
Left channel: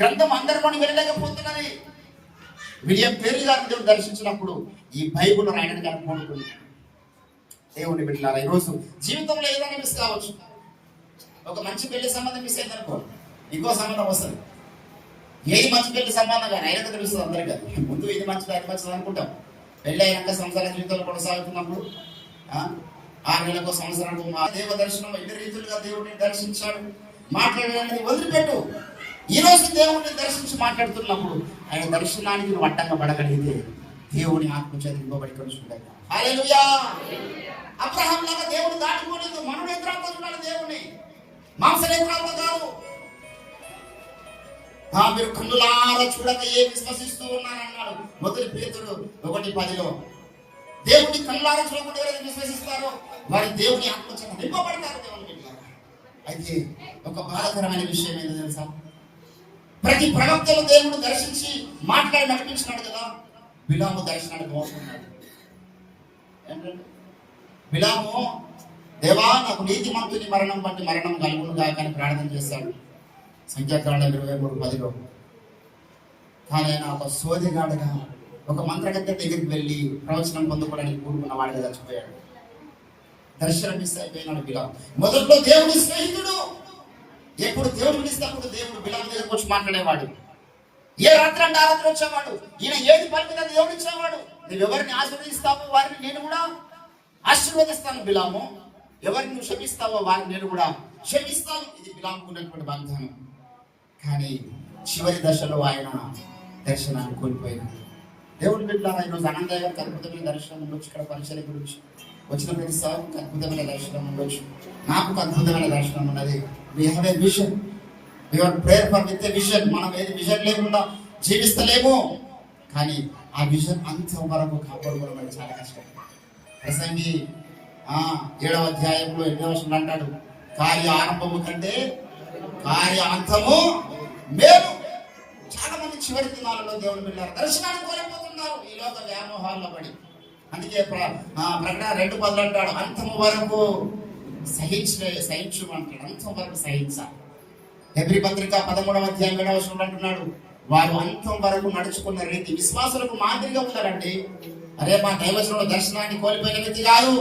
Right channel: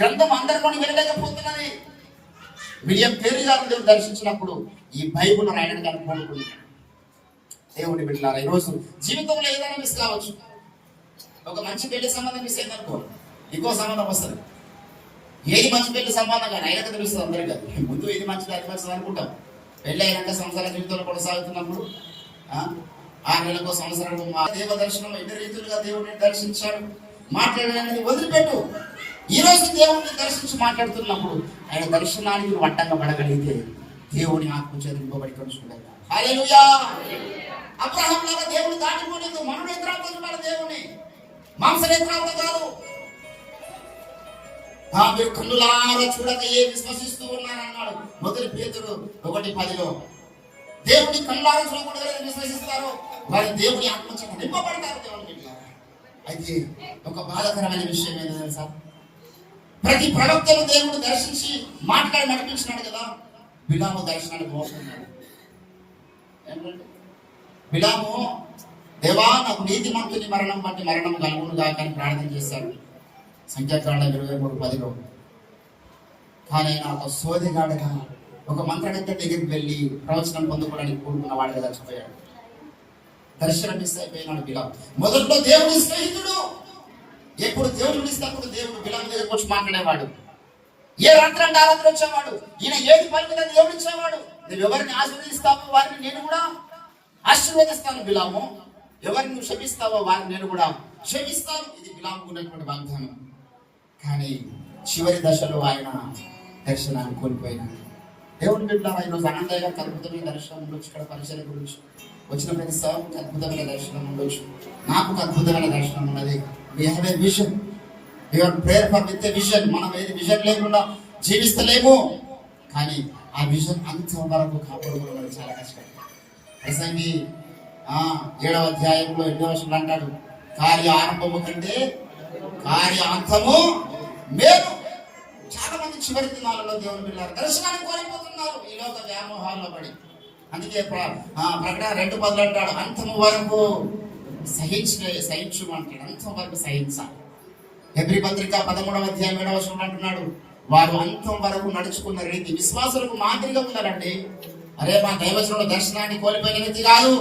గ్రంథం అందరికొని వెళ్ళలేకపోతున్నది. విలియం పేరు గారు దేవుడు దర్శించినప్పుడు ఈ బైబుల్ రాయడానికి ఆయన కోరుకున్నాడు. దేవుని బిడ్డలారా, ఈరోజు జీవితంలో ఏదైనా మిస్ కావచ్చు. ఒక మంచి పెళ్లి సంబంధం మిస్ అయిందనుకో, ఇంకో సంబంధం వస్తుంది. ఏది మంచి పెళ్లి సంబంధం కానీ అయినాక తెలుస్తుంది అందరికీ. ముందు ఇది మంచిది అది మంచిది అనుకుంటాం. పెళ్లి అయినాక సంసార జీవితంలో కొనసాగుతున్నప్పుడు 6 నెలలకు సంవత్సరాలు దేవ దర్శనం ఎన్ని రీతులుగా దేవుడిని దర్శించాడు. మాట్లాడడానికి వదిలిపెట్టు. ఈ రోజు దేవుడిని దర్శించి మాట్లాడుతున్నప్పుడు ఆయన దర్శనానికి నువ్వు అడ్డంగా పడగలిగితే దేవుని ఆత్మ చేత ఇవ్వబడి కొనుచుకుంటాడు. హల్లెలూయా. అబ్రహాం లాగా దేవుడు దాటిపోలేదు. మనుడు ఎత్రాలతో చూడాలి దేవుని, మాంస నేత్రాలతో కాదు. మీరు కన్నులారా చూడక ఏ విశ్వసిస్తూ ఉన్నారన్నాడు మొదటి పేతురు 1:10. దేవుని కన్నులారా చూడకుండా ఎవరైతే విశ్వసిస్తారో వారి దేవుని ఆత్మ చేత నింపబడతారు. దేవుని బిడ్డలారా, అయితే ఒక బాధాకరమైన విషయం ఏంటో తెలుసా? ప్రతి ప్రవక్తను దేవుడు దర్శించి మాట్లాడి నడిపించినాడు కదా. బిలాము దర్శనానికి మోసన్నాడు. ఏంటంటే బిలాము, దేవా నాకు నీతిమంతుని మరణం బట్టి మరణం కలుగునుగా కానీ ప్రార్థన చేశాడు సంఖ్యాకాండం 23:10. కానీ ఆయన ఒక సోదిగాడుగా ఒక మంత్రగత్త దగ్గరికి వెళ్ళి ప్రవచనం పొందుకోవడానికి కూడుకున్న వాడిగా చచ్చిపోయాడు. దర్శనం మిస్ అయిపోయినాడు బిలాము. మొదట్లో దేవుని స్నేహితుడు, ఎప్పుడు దేవుడు ఇస్తే అప్పుడు దేవుడు బిలాము దగ్గరకు వచ్చి మాట్లాడేవాడు. ఏ రాత్రి అంటే ఆ రాత్రి వచ్చేవాడు. ఈయన ఏది పలికితే దేవుడు ఇచ్చేవాడు. నువ్వు ఎవరిని ఆశీర్వదిస్తావో వారిని నేను కూడా ఆశీర్వదిస్తాను బిలాము, ఎవరిని నువ్వు క్షమిస్తావో వారిని నేను కూడా క్షమిస్తాను. ఇది బిలాముకు ఉన్నటువంటి వాగ్దానం. కానీ చివరి దశలో ఆయన దర్శనాన్ని కోల్పోయినాడు. దేవుని బిడ్డలారా, ఈరోజు అనంతయ్య గారికి అద్భుతమైన దర్శనం ఉండొచ్చు, ఇక్కడ పరిచయం గురించి వచ్చిన ప్రతి సార్కి అద్భుతమైన దర్శనం ఉండొచ్చు, నాకు అద్భుతమైన దర్శనం ఉన్నది. We have a vision, your prayer for with a vision. మనం ఏది విజన్ లేకుండా జీవిస్తలేము, కానీ ఆ విజన్ అంత వరకు కాపాడుకోవడం అనేది చాలా కష్టం. ప్రసంగి 7వ అధ్యాయంలో 8వ వచనంలో అంటాడు, కార్య ఆరంభము కంటే కార్య అంతము మేలు. చాలా మంది చివరి దినాలలో దేవుని బిడ్డలారా దర్శనాన్ని కోల్పోతున్నారు ఈ లోక వ్యామోహాల్లో పడి. అందుకే ప్రకటన 2:10 అంటాడు, అంతము వరకు సహించు అంటాడు. అంతం వరకు సహించాలి. హెబ్రీ పత్రిక 13వ అధ్యాయం 7వ వచనంలో అంటున్నాడు, వారు అంతం వరకు నడుచుకున్న రీతి విశ్వాసులకు మాదిరిగా ఉండాలండి. అరే, మా దైవజనుడు దర్శనాన్ని కోల్పోయిన వ్యక్తి కాదు,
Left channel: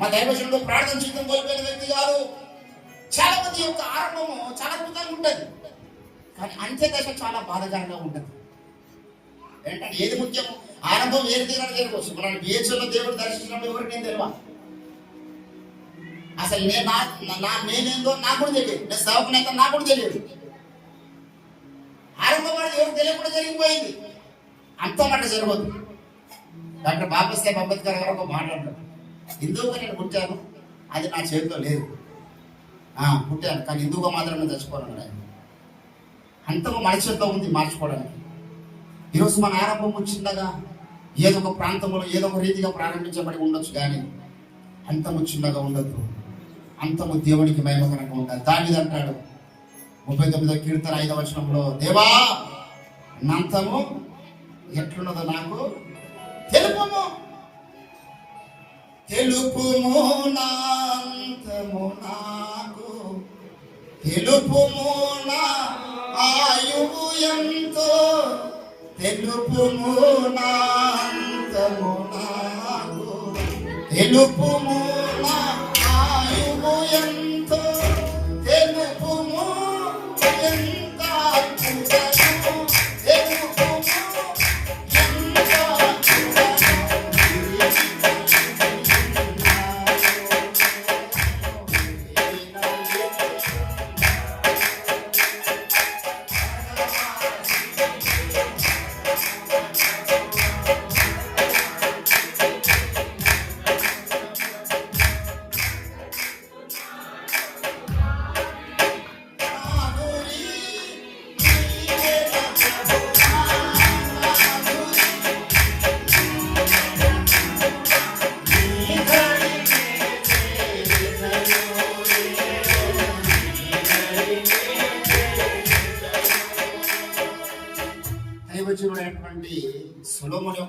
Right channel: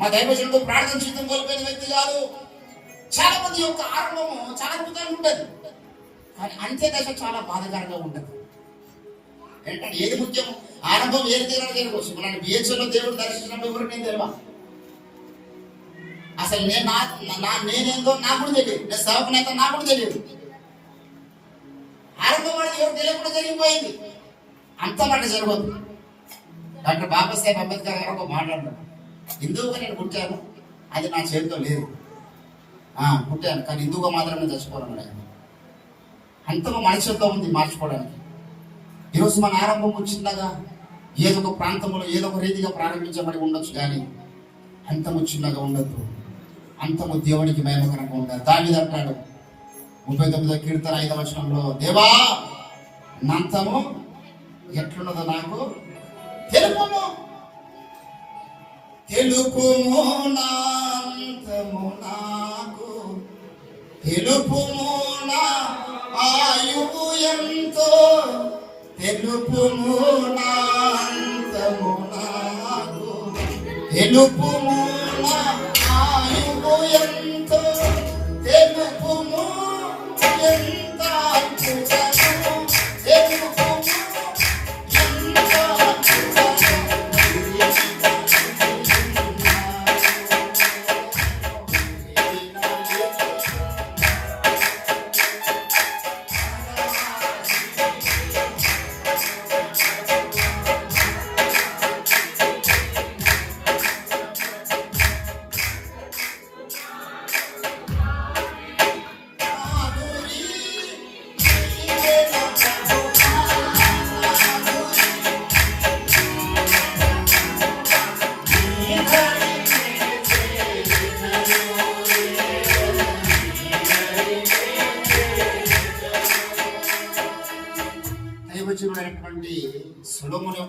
మా దైవజనుడు ప్రార్థన జీవితం కోల్పోయిన వ్యక్తి కాదు. చాలా మంది యొక్క ఆరంభము చాలా అద్భుతంగా ఉంటుంది, కానీ అంత్య దశ చాలా బాధాకరంగా ఉంటుంది. ఏంటంటే ఏది ముఖ్యం? ఆరంభం ఏది తీరాలి తెలుసుకోవచ్చు. మన బిహెచ్లో దేవుడు దర్శించినప్పుడు ఎవరికి నేను తెలియదు. అసలు నేనేందో నాకు కూడా తెలియదు, నేను సేవకునైతే నాకు కూడా తెలియదు. ఆరంభం అనేది ఎవరు తెలియకుండా జరిగిపోయింది. అంతమాట జరగదు. డాక్టర్ బాబాసాహెబ్ అంబేద్కర్ గారు ఒక మాట్లాడారు, హిందువుగా నేను పుట్టాను, అది నా చేతిలో లేదు. పుట్టాను కానీ హిందువుగా మాత్రమే చచ్చిపోవడం. అంతగా మన చేతిలో ఉంది మార్చుకోవడానికి. ఈరోజు మన ఆరంభం చిన్నగా ఏదో ఒక ప్రాంతంలో ఏదో ఒక రీతిగా ప్రారంభించబడి ఉండొచ్చు, కానీ అంతము చిన్నగా ఉండద్దు. అంతము దేవునికి మహిమకరంగా ఉండాలి. దావీదు అంటాడు 39వ కీర్తన 5వ వచనంలో, దేవా నంతము ఎట్లున్నదో నాకు తెలుపుము, తెలుపుము నాంతము నాకు, తెలుపుము నా ఆయువు ఎంతో, తెలుపుము నాంతము నాకు, తెలుపుము నా ఆయువు ఎంతో, తెలుపుము ఎంత అద్భుతము, తెలుపుము ఎంత అద్భుతము.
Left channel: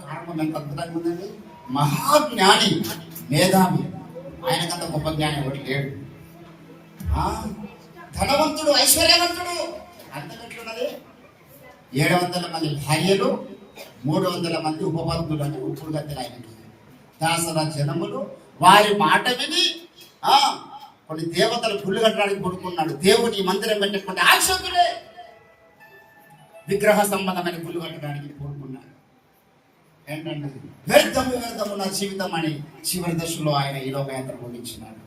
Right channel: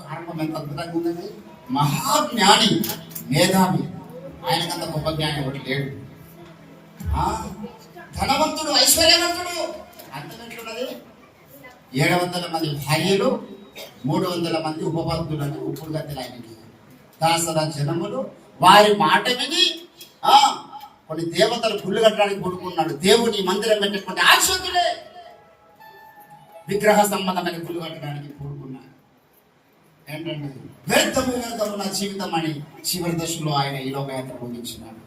ఆరంభం ఎంత అద్భుతంగా ఉన్నది. మహాజ్ఞాని, మేధావి, ఆయనకంత గొప్ప జ్ఞాని ఒకటి లేడు. ధనవంతుడు, ఐశ్వర్యవంతుడు, అంతకంటున్నది 700 మంది భార్యలు, 300 మంది ఉపపత్నులు, అంటే ఉప్పుడు గద్దెలు ఆయనకి. దాసర జనములు వారి మాట విని కొన్ని దేవతలు గుళ్ళు కట్టడానికి కొడుకున్నాడు. దేవుని మందిరం పెట్టేటువంటి ఆశకులే విగ్రహ సంబంధమైన గుళ్ళు కట్టడానికి కోరుకున్నాడు. ఏంటంటే వ్యర్థము నా జీవితం అని చివరి దశలో ఆయన ఈ లోకయాత్ర ముగించినాడు.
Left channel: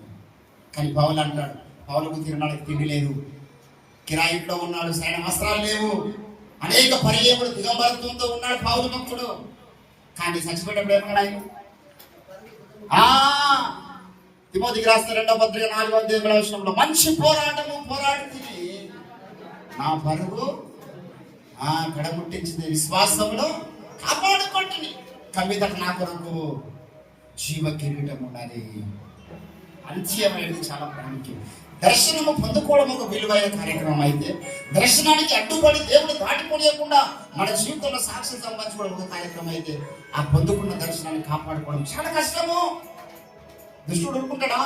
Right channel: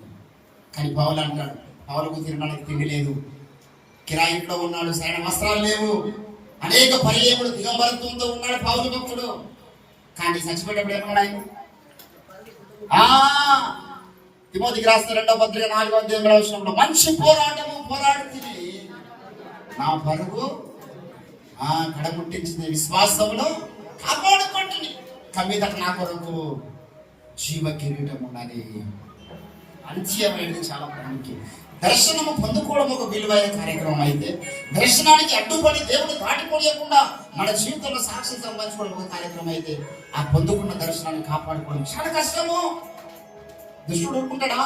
కానీ పౌలు అంటాడు, పౌలకు తినడానికి తిండి లేదు, కిరాయిలో ఉన్నాడు, సరైన వస్త్రాలు లేవు, అనేక పర్యాయములు దిగంబరత్వంతో ఉన్నాడు పౌలు భక్తుడు. కానీ చచ్చిపోయేటప్పుడు ఏమన్నాడు ఆయన? తిమోతికి రాసిన 2వ పత్రిక 4వ అధ్యాయంలో మంచి పోరాటము పోరాడుతుంది, నా పరుగు కడముట్టించింది, విశ్వాసంలో కాపాడుకుంటుంది, కమ్మిదట నా కొరకు జీవ కిరీటం ఉన్నది. అంత్యమైనది చాలా ప్రాముఖ్యం. దర్శనము పొందుకోవడం ఒక విలువైన కార్యక్రమం అయితే, దర్శనానికి అడ్డుపడి దేవుడు దాటిపోలేకుండా మన జీవితంలో సాక్ష్యం సంపాదించుకోవడం ఒక కార్యక్రమం అయితే, ఆ పొందుకున్న దర్శనాన్ని కాపాడుకోవడం చాలా కష్టము. దుష్టుడు ఊరుకుంటాడా?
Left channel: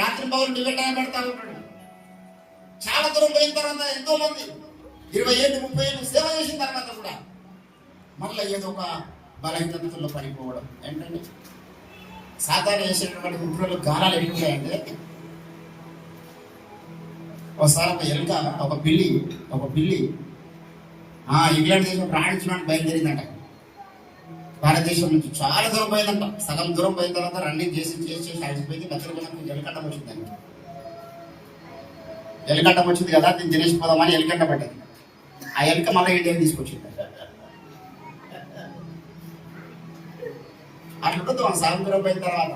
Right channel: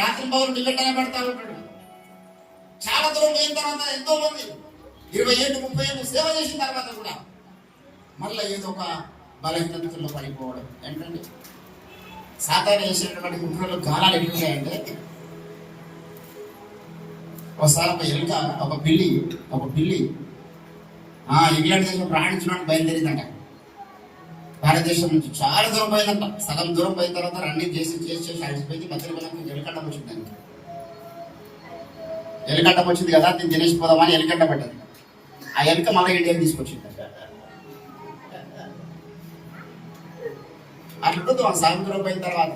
రాత్రి పౌరులు నిగట్టనే పెడతా ఉంటాడు. చాలా దూరం పోయిన తర్వాత ఎంతో మంది 20 ఏళ్ళు 30 ఏళ్ళు సేవ చేసిన తర్వాత కూడా మళ్ళీ ఏదో ఒక బలహీనతలో పడిపోవడం. ఏంటంటే సాధారణ చేసేటటువంటి కుట్రలు గాలాలు ఎదుగుతాయంటే, ఒకసారి ఒక పిల్లి ఇంగ్లాండ్ దేశం ప్రయాణించడానికి బయలుదేరిందట. భారతదేశం నుంచి చాలా దూరం పోయిందంట. సగం దూరం పోయిన తర్వాత రన్నింగ్ చేసి అడిచిపోయింది. మధ్యలో ఎలికట్టం వచ్చింది. దానికి ఎలికట్టం వచ్చింది కదా, దీన్ని తినేసిపోదామని ఎలికట్ట పడ్డది. ఆ ఎలిక మళ్ళీ ఇండియాకి తీసుకొచ్చింది. అట్లా సగం దూరం పోయిన తర్వాత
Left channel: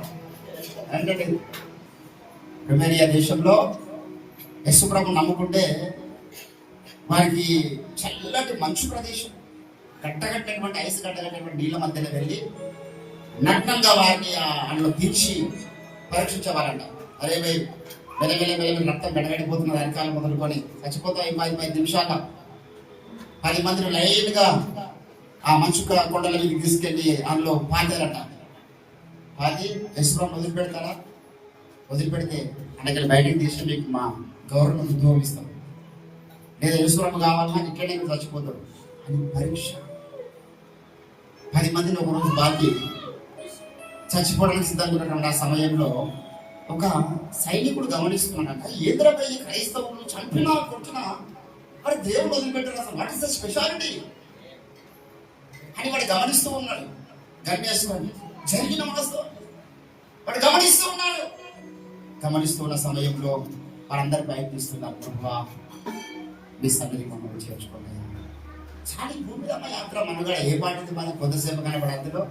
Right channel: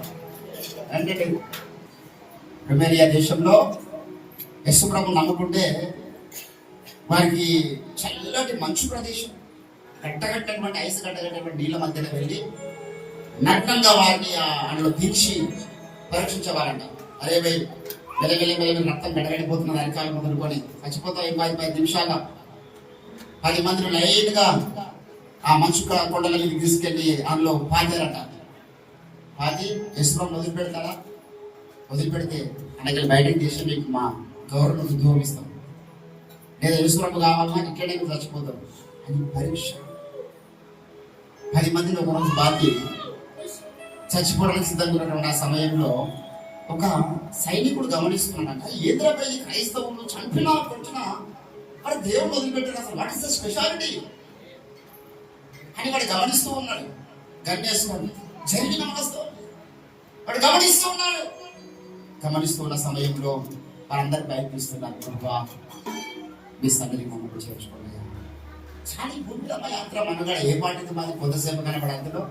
అంటే రొమేనియా దేశంలో యశుప్రభు నమ్ముకుంటే వారికి చల్లటి మంచు ప్రదేశం, కట్టగట్టేటువంటి ఐసు కట్టగట్టేటువంటి నీళ్ళ మధ్యలో వెళ్ళి నగ్నంగా వారిని అందులో తీర్చి పరీక్షించేవారంట. అరే మెల్లమెల్లి రక్తం గడగడిపోతున్నది, అరికాలు మొదలుకొని చచ్చిపోతాం. 5 నిమిషాల 10 మందిని లైన్గా ఆ మంచు కొండల మీద తీసుకెళ్ళి అందులో పాతారట. పాతి యశ్వరం వదిలిపెడతారా? వదిలిపెడితే అనేక బయటకు తీసి మీకు మా గవర్నమెంట్ ఉద్యోగం ఇస్తాం, లేదా యశ్వరం కావాలన్నా ఇక్కడే మీరు చచ్చిపోతారు అని పరీక్ష. 10 మందిని ఒక రోజు బాధ్య చచ్చిపోవడానికి సిద్ధంగా ఉన్నటువంటి ఆ సమయంలో ఒక సైనికుడు గమనిస్తున్నాడంట, ఏదైనా ఈ క్రైస్తవులు చంపినా కొట్టినా వాడు దేవుడు వదిలిపెట్టారు, అసలు వాట్ ఇస్ ద స్పెషాలిటీ అని వాడు గమనిస్తూ ఉన్నాడు. గణేశ్వరుడు జరిగిన వాస్తవం వాడు గమనిస్తూ ఉన్నాడు. గమనిస్తూ ఉన్న సమయంలో వారందరూ ప్రయత్నిస్తున్నారు, ప్రభా మీ సన్నిధి మమ్మల్ని చేర్చుకోలేదు. చాలా భూమిరమ్మ యాత్ర మనగా ఏ పాటిది మాది కొద్దిసేపు కనబడి అందులో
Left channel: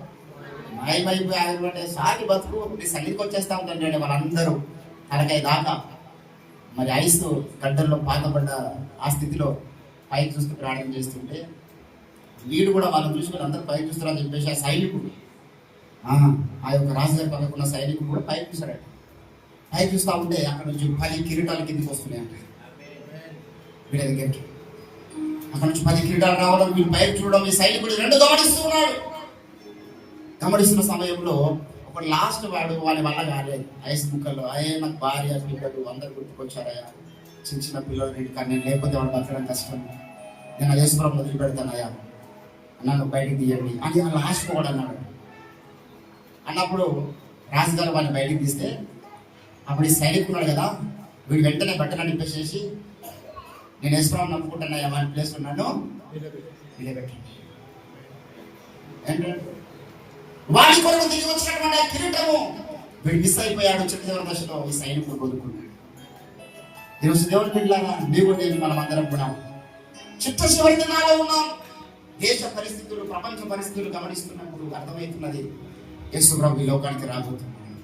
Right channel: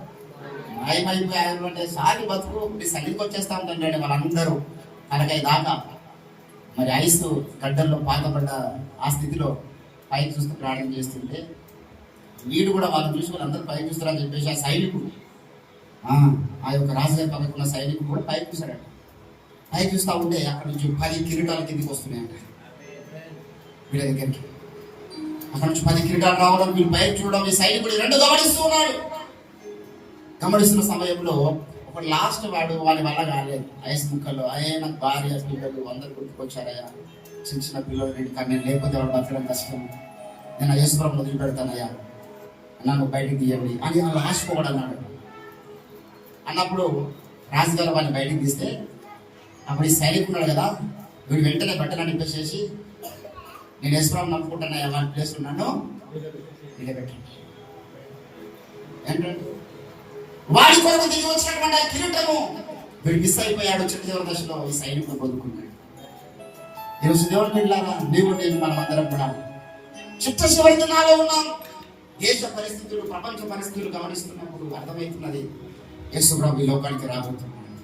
మాయమైపోయి సాగి బతుకు మీ సన్నిధికి వచ్చేస్తా ఉందంటే వాళ్ళందరూ అరకై దాకా మరి ఐస్ గడ్డల్లో పాతపడ్డ ఆ స్థితిలో పైకి చూస్తూ ప్రార్థన చేస్తుంటే వీడు కూడా వాళ్ళని చూసి వాళ్ళందరూ పైకి చూస్తారని చెప్పేసి ఆ సైనికుడు ఆ యొక్క రాజుగారి పక్కకున్న సైనికుడు కూడా పైకి చూస్తాడట. పైకి చూస్తూ ఉంటే అక్కడ నుంచి 10 కిరీటాల కిందకి వస్తున్నాయంట వీళ్ళ దగ్గరికి. అక్కడ నుంచి 10 కిరీటాలు రావడం, వీళ్ళు పైకి చూడడం, ఈ సైనికుడు 2 గమనిస్తూ ఉన్నాడు. గమనిస్తున్న సమయంలో ఒక లాస్ట్ వాడు వాళ్ళ వల్ల కాలేదు. ఐస్ ముక్కలు నాకు భార్య పిల్లలు అందరు గుర్తుకొచ్చారయ్యా, చిన్న పిల్లలు 2 కన్నా లేకపోతే వాళ్ళు బతకడం కష్టం, నేను యేసుప్రభుని మొదలు పెడతానయ్యా, నన్ను బయటకు తీయండి అని లాస్ట్ కూడా అన్నాడు. అన్నప్పుడు రాజుగారు వాళ్ళని బయటకు తీస్తే అప్పుడు ఈ సైనికున్నాడు కదా, వీడు వెంటనే బట్టలు నింపేసేసి నేను యేసుప్రభుని నమ్ముకుంటానయ్యా, వాళ్ళ ప్లేస్ ఉన్నాను నిలబెట్టండి. ఏంటంటే వాడి కొరకు తిరిగి వచ్చినటువంటి ఆ కిరీటము వీడు మిస్ అయిపోయాడు. చిన్న దశలో ఈ సైనికుడు పొందుకున్నాడు. ఈరోజు దేవుడి పిల్లలాగా నీవు నేను మనం అందరం కూడా చిట్ట చివరి దినాల్లో ఉన్నాం. దేశ పరిస్థితులు, ప్రపంచ పరిస్థితులు గమనిస్తున్నప్పుడు అర్థమవుతున్నది యేసు ప్రభు ఈ లోకానికి రాబోతున్నాడు.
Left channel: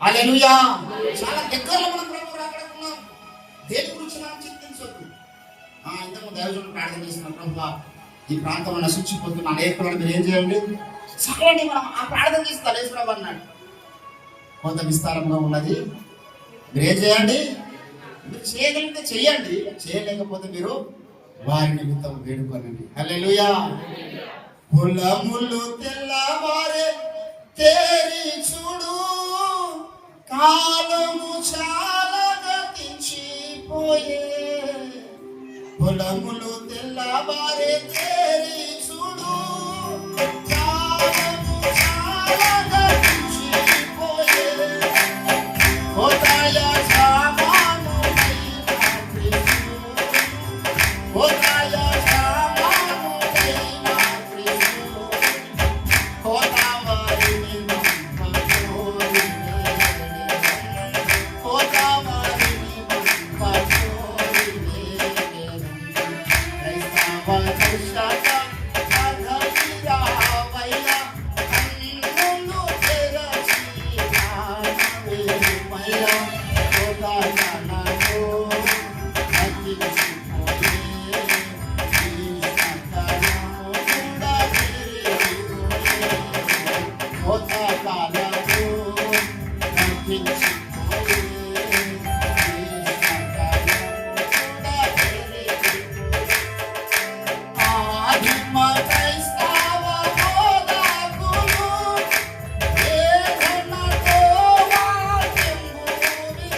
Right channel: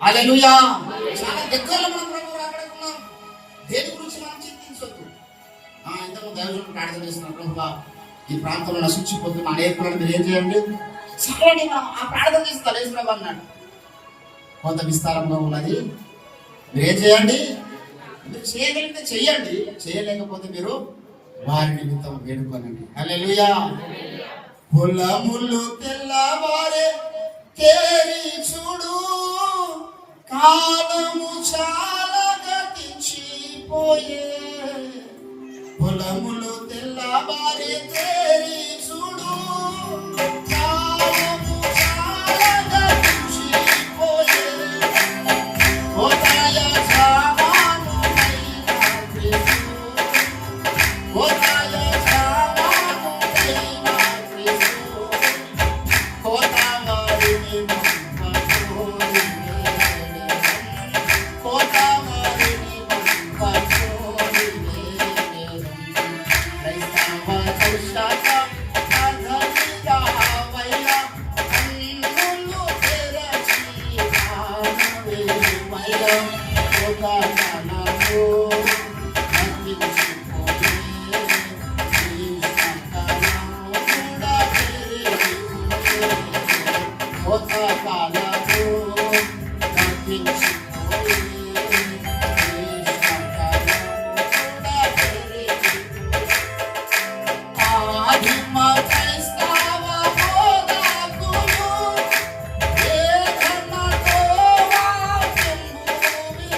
హల్లెలూయా. చాలా దగ్గరలో మనం ప్రభు రాబడుతున్నాం. దేని గురించి మనం చింతించొద్దు. ఇంతకు దైవజనుడు ప్రార్థన చేస్తున్న ప్రభు ఈ ప్రాంతంలో నశించిపోతున్న అనేకులను మీరు ఏం చేయండి, చాలండి మనం ఆ ప్రార్థన చేస్తారు. యేసు ప్రభు అన్నాడు కొంత విస్తారంగా ఉన్నది, మీరు ఏం చేయండి, మీరు చేయగలిగితే చెయ్యండి, చేయలేకపోతే మీరు వారి నిమిత్తం వేడుకోనండి. హల్లెలూయా. పొలములు తెల్లవారే తేరి చూడు, కాలము చాలా గతించిపోయే. పొలములు తెల్లవారే తేరి చూడు, కాలము చాలా గతించిపోయే. హోదాయ జామాను అయిన క్రీస్తు, హోదాయ జామాను అయిన క్రీస్తు, హోదావారిని పంపకోరి వేడే, హోదావారిని పంపకోరి వేడే. క్రైస్తవ దర్శక అధవిరావయ్య, కన్నులు తెరచి రామవేమయ్య. హోదానలో నటించిపోయే, ఈ సంకలము కూడా పెరిగిపోయే. హోదానలో నటించిపోయే, ఈ సంకలము కూడా పెరిగిపోయే. ఆదిమ క్రైస్తవ బోధకులు వేదనతో వాక్యము విని,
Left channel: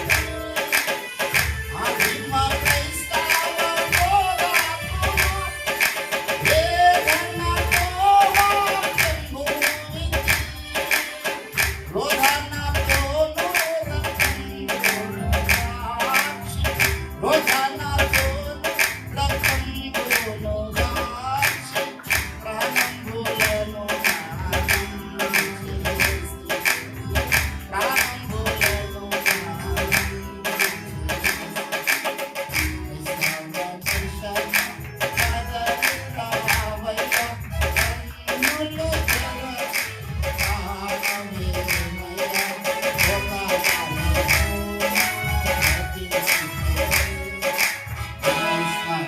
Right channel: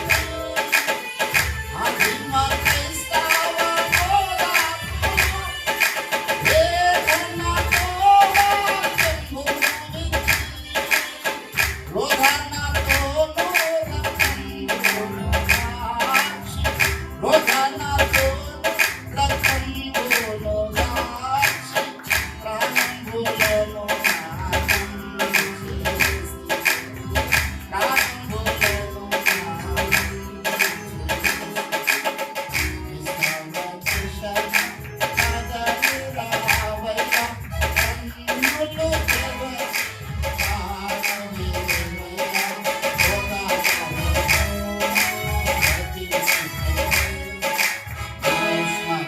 ఆదిమ క్రైస్తవ బోధకులు వేదనతో వాక్యము విని, రోదనతోను రక్తంబులు కాచి, రోదనతోను రక్తంబులు కాచి, ప్రాణంబులను నాశనం చేసి, ప్రాణంబులను నాశనం చేసి.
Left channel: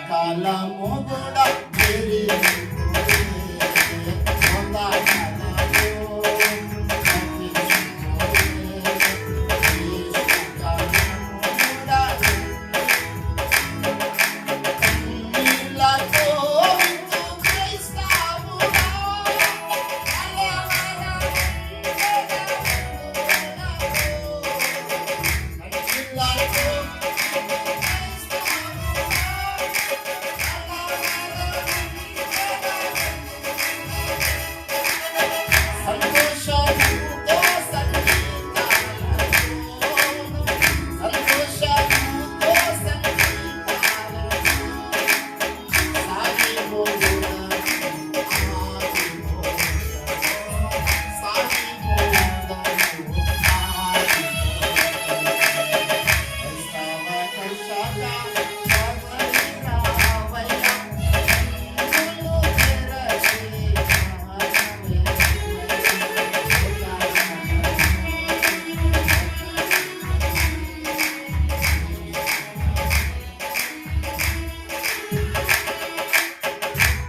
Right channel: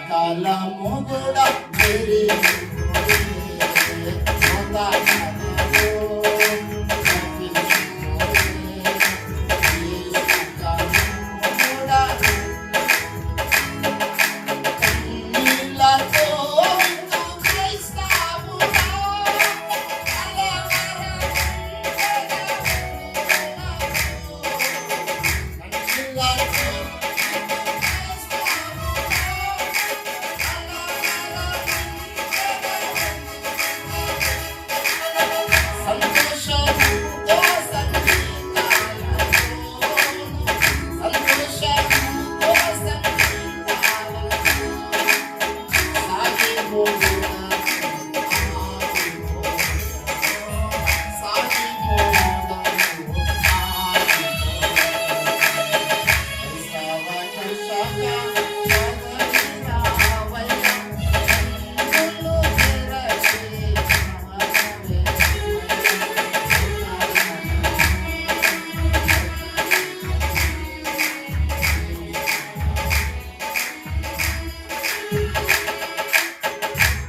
కాలము కూడా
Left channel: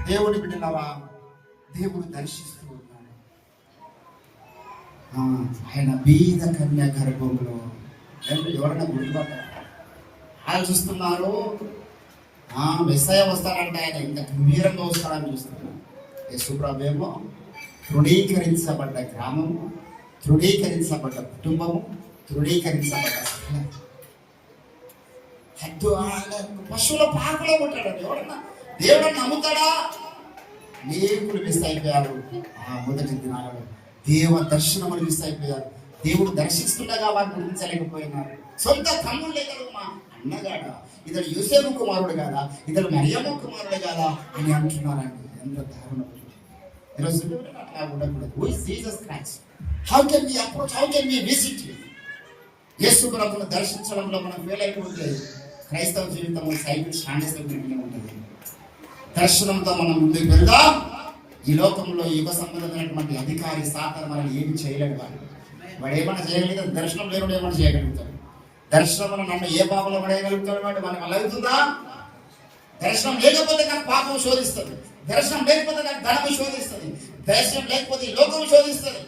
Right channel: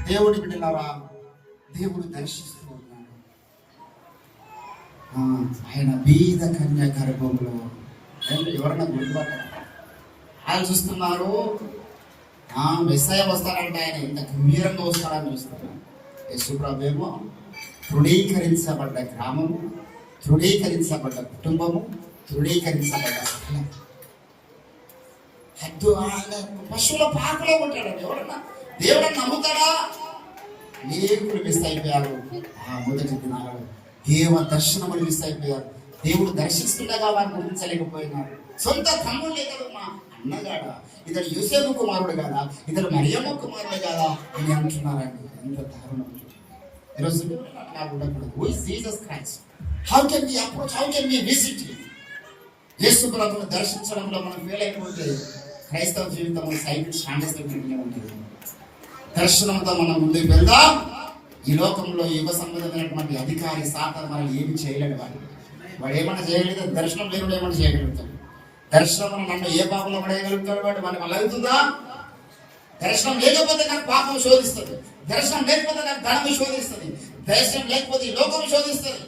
దేవుడి బిడ్డలారా, దేవుడు దర్శిస్తూ ఉన్నాడు. ఆయన బీద కన్య గర్భంలో ఎవరైనా గుర్తుపట్టారు? ఆయన చూస్తున్నారు, మెస్సయ్య వస్తాడంటే ఆయన ఇంత గంభీరంగా వస్తాడని చూస్తున్నారు. యేసుప్రభువేమో తృణీకరించబడ్డ గ్రామము, తృణీకరించబడ్డ కుటుంబము, తృణీకరించబడ్డ హద్దు పశువుల పాకలో ఉంటాడు. ఎవరన్నా దేవుడు నమ్ముతాడా? అనేకులు మిస్ అయిపోయారు. మొదటి దినాలలో దేవ దర్శనములు మిస్ అయిపోయారు. దేవుడు దర్శిస్తుండగా వారిని గుర్తించలేకపోయినారు. సొంత తమ్ముళ్ళే కదా, మా అన్నగాడా, ఇతడు యోసేపు కుమారుడు కాదా, ఇతడు మరియమ్మ కుమారుడు కాదా అని అంటున్నారండి. ఎంత దారుణం! ఈరోజు అట్లా ఉండకూడదు. Who is Jesus Christ? How can we approach, how can we visit? Yesu ప్రభువును దర్శించడంలో మనం ఫెయిల్ అయిపోతే క్రైస్తవ జీవితం సైకిల్ స్టాండర్స్ ఉంటుంది. దర్శనంతో మనం ముందుకు వెళ్దాం. ఈ లోకంలో యుగ సంబంధమైనటువంటి అధికారి సాతాను మనం ఏమి చేయలేడు. వాడు ఏమన్నా చేయలేదు. దర్శనం లేని ఏమన్నా చేయగలుగుతాడు. దర్శనం నన్ను ఏ పాపంలో పడేయగలుగుతాడు? వాడు మనకు అలా అవుతుందా? దర్శనం లేకపోతే నాకు పాపం శోధిస్తుంది. దర్శనం లేకపోతే నాకు ధనం శోధిస్తుంది. దర్శనం లేకపోతే ఈ లోకం శోధిస్తుంది.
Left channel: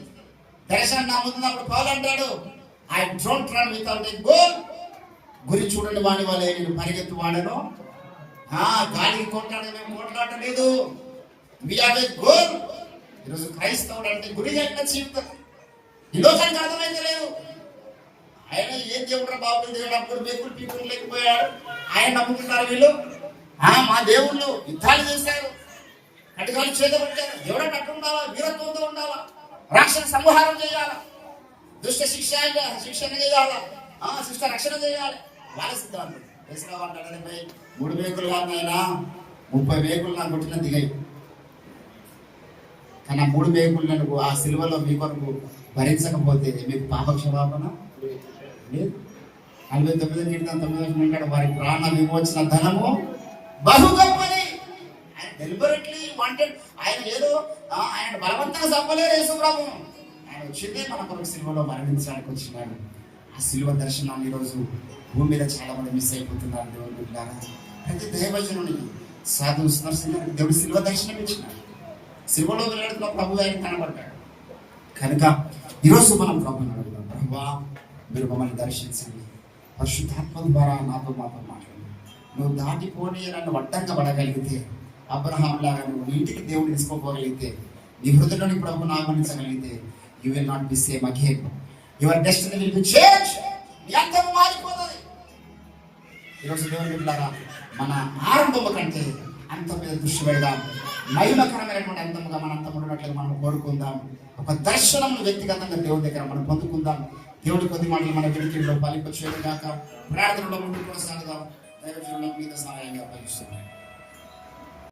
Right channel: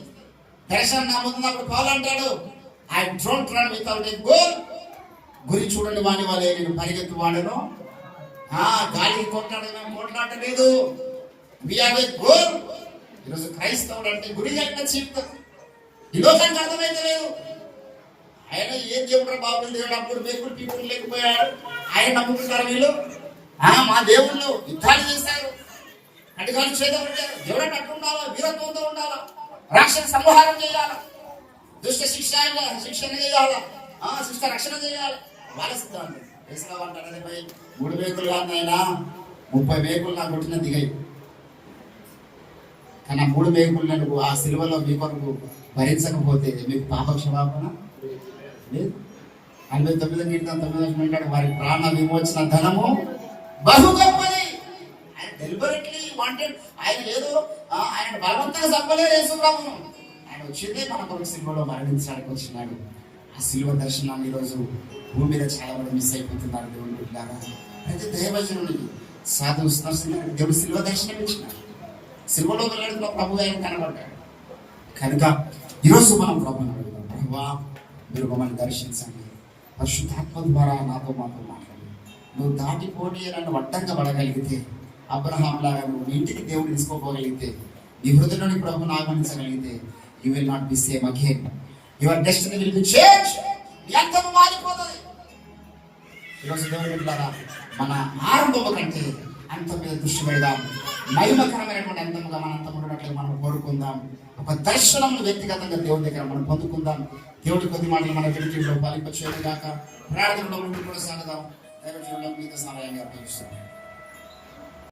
దర్శనం నా ముందున్నప్పుడు పౌలు అంటాడు, I don't run without a goal. గురి చూడండి వాడి వాళ్ళే, నేను పరిగెత్తు వాడను. గాలికి కొట్లాడలేదు. We have a goal. ఈరోజు క్రైస్తవుడు అంటే గురి జరిగిన జీవితం ఈ లోకానికి అర్థమైతే లేదు. ఆయన ఏ దేవుడు బాబులు దేవుడు అప్పుడు బేకులు పీకులు లేకపోయాడు. ఆయన నమ్ముకుంటారు వీళ్ళు. మా దేవుళ్ళు యుద్ధాలు చేశారు, కటికాలు చేతబట్టారు. దేవుడు అట్టు ఉండాలా, వీరత్వంతో ఉండాలా, రాక్షణ సంహారం చేయాలా, దుష్ట శిక్షణ చేయాలా, శిష్ట రక్షణ చేయాలి. వాళ్ళ సిద్ధాంతం వేసిన అంటారు. 3 మేకులు లాగా 30 మేకులు నాకు కొట్టిన దిగాయి. కానీ ఆ 3 మేకులను ఆ సిలువలో మీ కొరకు భరించకపోతే మీకు పాప క్షమాపణ లేదు. 49 అంటాడు, వారి ప్రాణ విమోచన ధనము బహు గొప్పది. ఆయన డెలిబరెట్లీ వాంటెడ్. ఆయన ఏదో ఆయన బలవంతంగా చంపలేదు యేసుప్రభును. ఆయన వచ్చిందే మన కొరకు సిలువలో మరణించడానికి వచ్చినాడు. ఆ సిలువ దర్శనాన్ని ఈరోజు భూమి మీద చాలా మంది మిస్ అయిపోతున్నారు. దేవుని బిడ్డలారా, ప్రతి దైవజనునికి సాధువు స్పర్శించిన దేవుడు సిలువ దర్శనం ఇచ్చినాడు. సిలువలో వెళ్ళడం ప్రభు ఆయన కనబడ్డాడు. కనుక ఈరోజు మనం ప్రభుని అడుగుదాం, ప్రభువా మీరు మమ్మల్ని దర్శించండి, పరిశుద్ధాత్మ ద్వారా మాతో మాట్లాడి నువ్వు దాటిపోని నన్ను అడ్డంగా పడగలిగితే, అబ్రహాం లాగా నువ్వు నీ ఇంటికి దేవుడు తీసుకోపోగలిగితే, నీ హృదయంలోని ప్రభుని ఆగమనించగలిగితే, you will not be same again. Your destiny will be change. ఎంతము మారిపోతుంది. ఈరోజు దేవుడి ద్వారా మన ఆరంభము కంటే అంతం మీద దృష్టి పెడదాం. మహిమకరమైనటువంటి అంతముగా మన అంతం ఉన్నట్లుగా మనం కోరుకుందాం. ఒక దర్శనం వ్యక్తిగతంగా దేవుడి దగ్గర మనం పొందుకుందాం. దేవుడి కొద్ది మాటలు మన వెలుగులో ఫలింపచేయడం కాక ప్రార్థనలో ముందుకు కొనసాగుదాం. దైవజనులకు మీద సహాయంగా అప్పగిస్తున్నాం.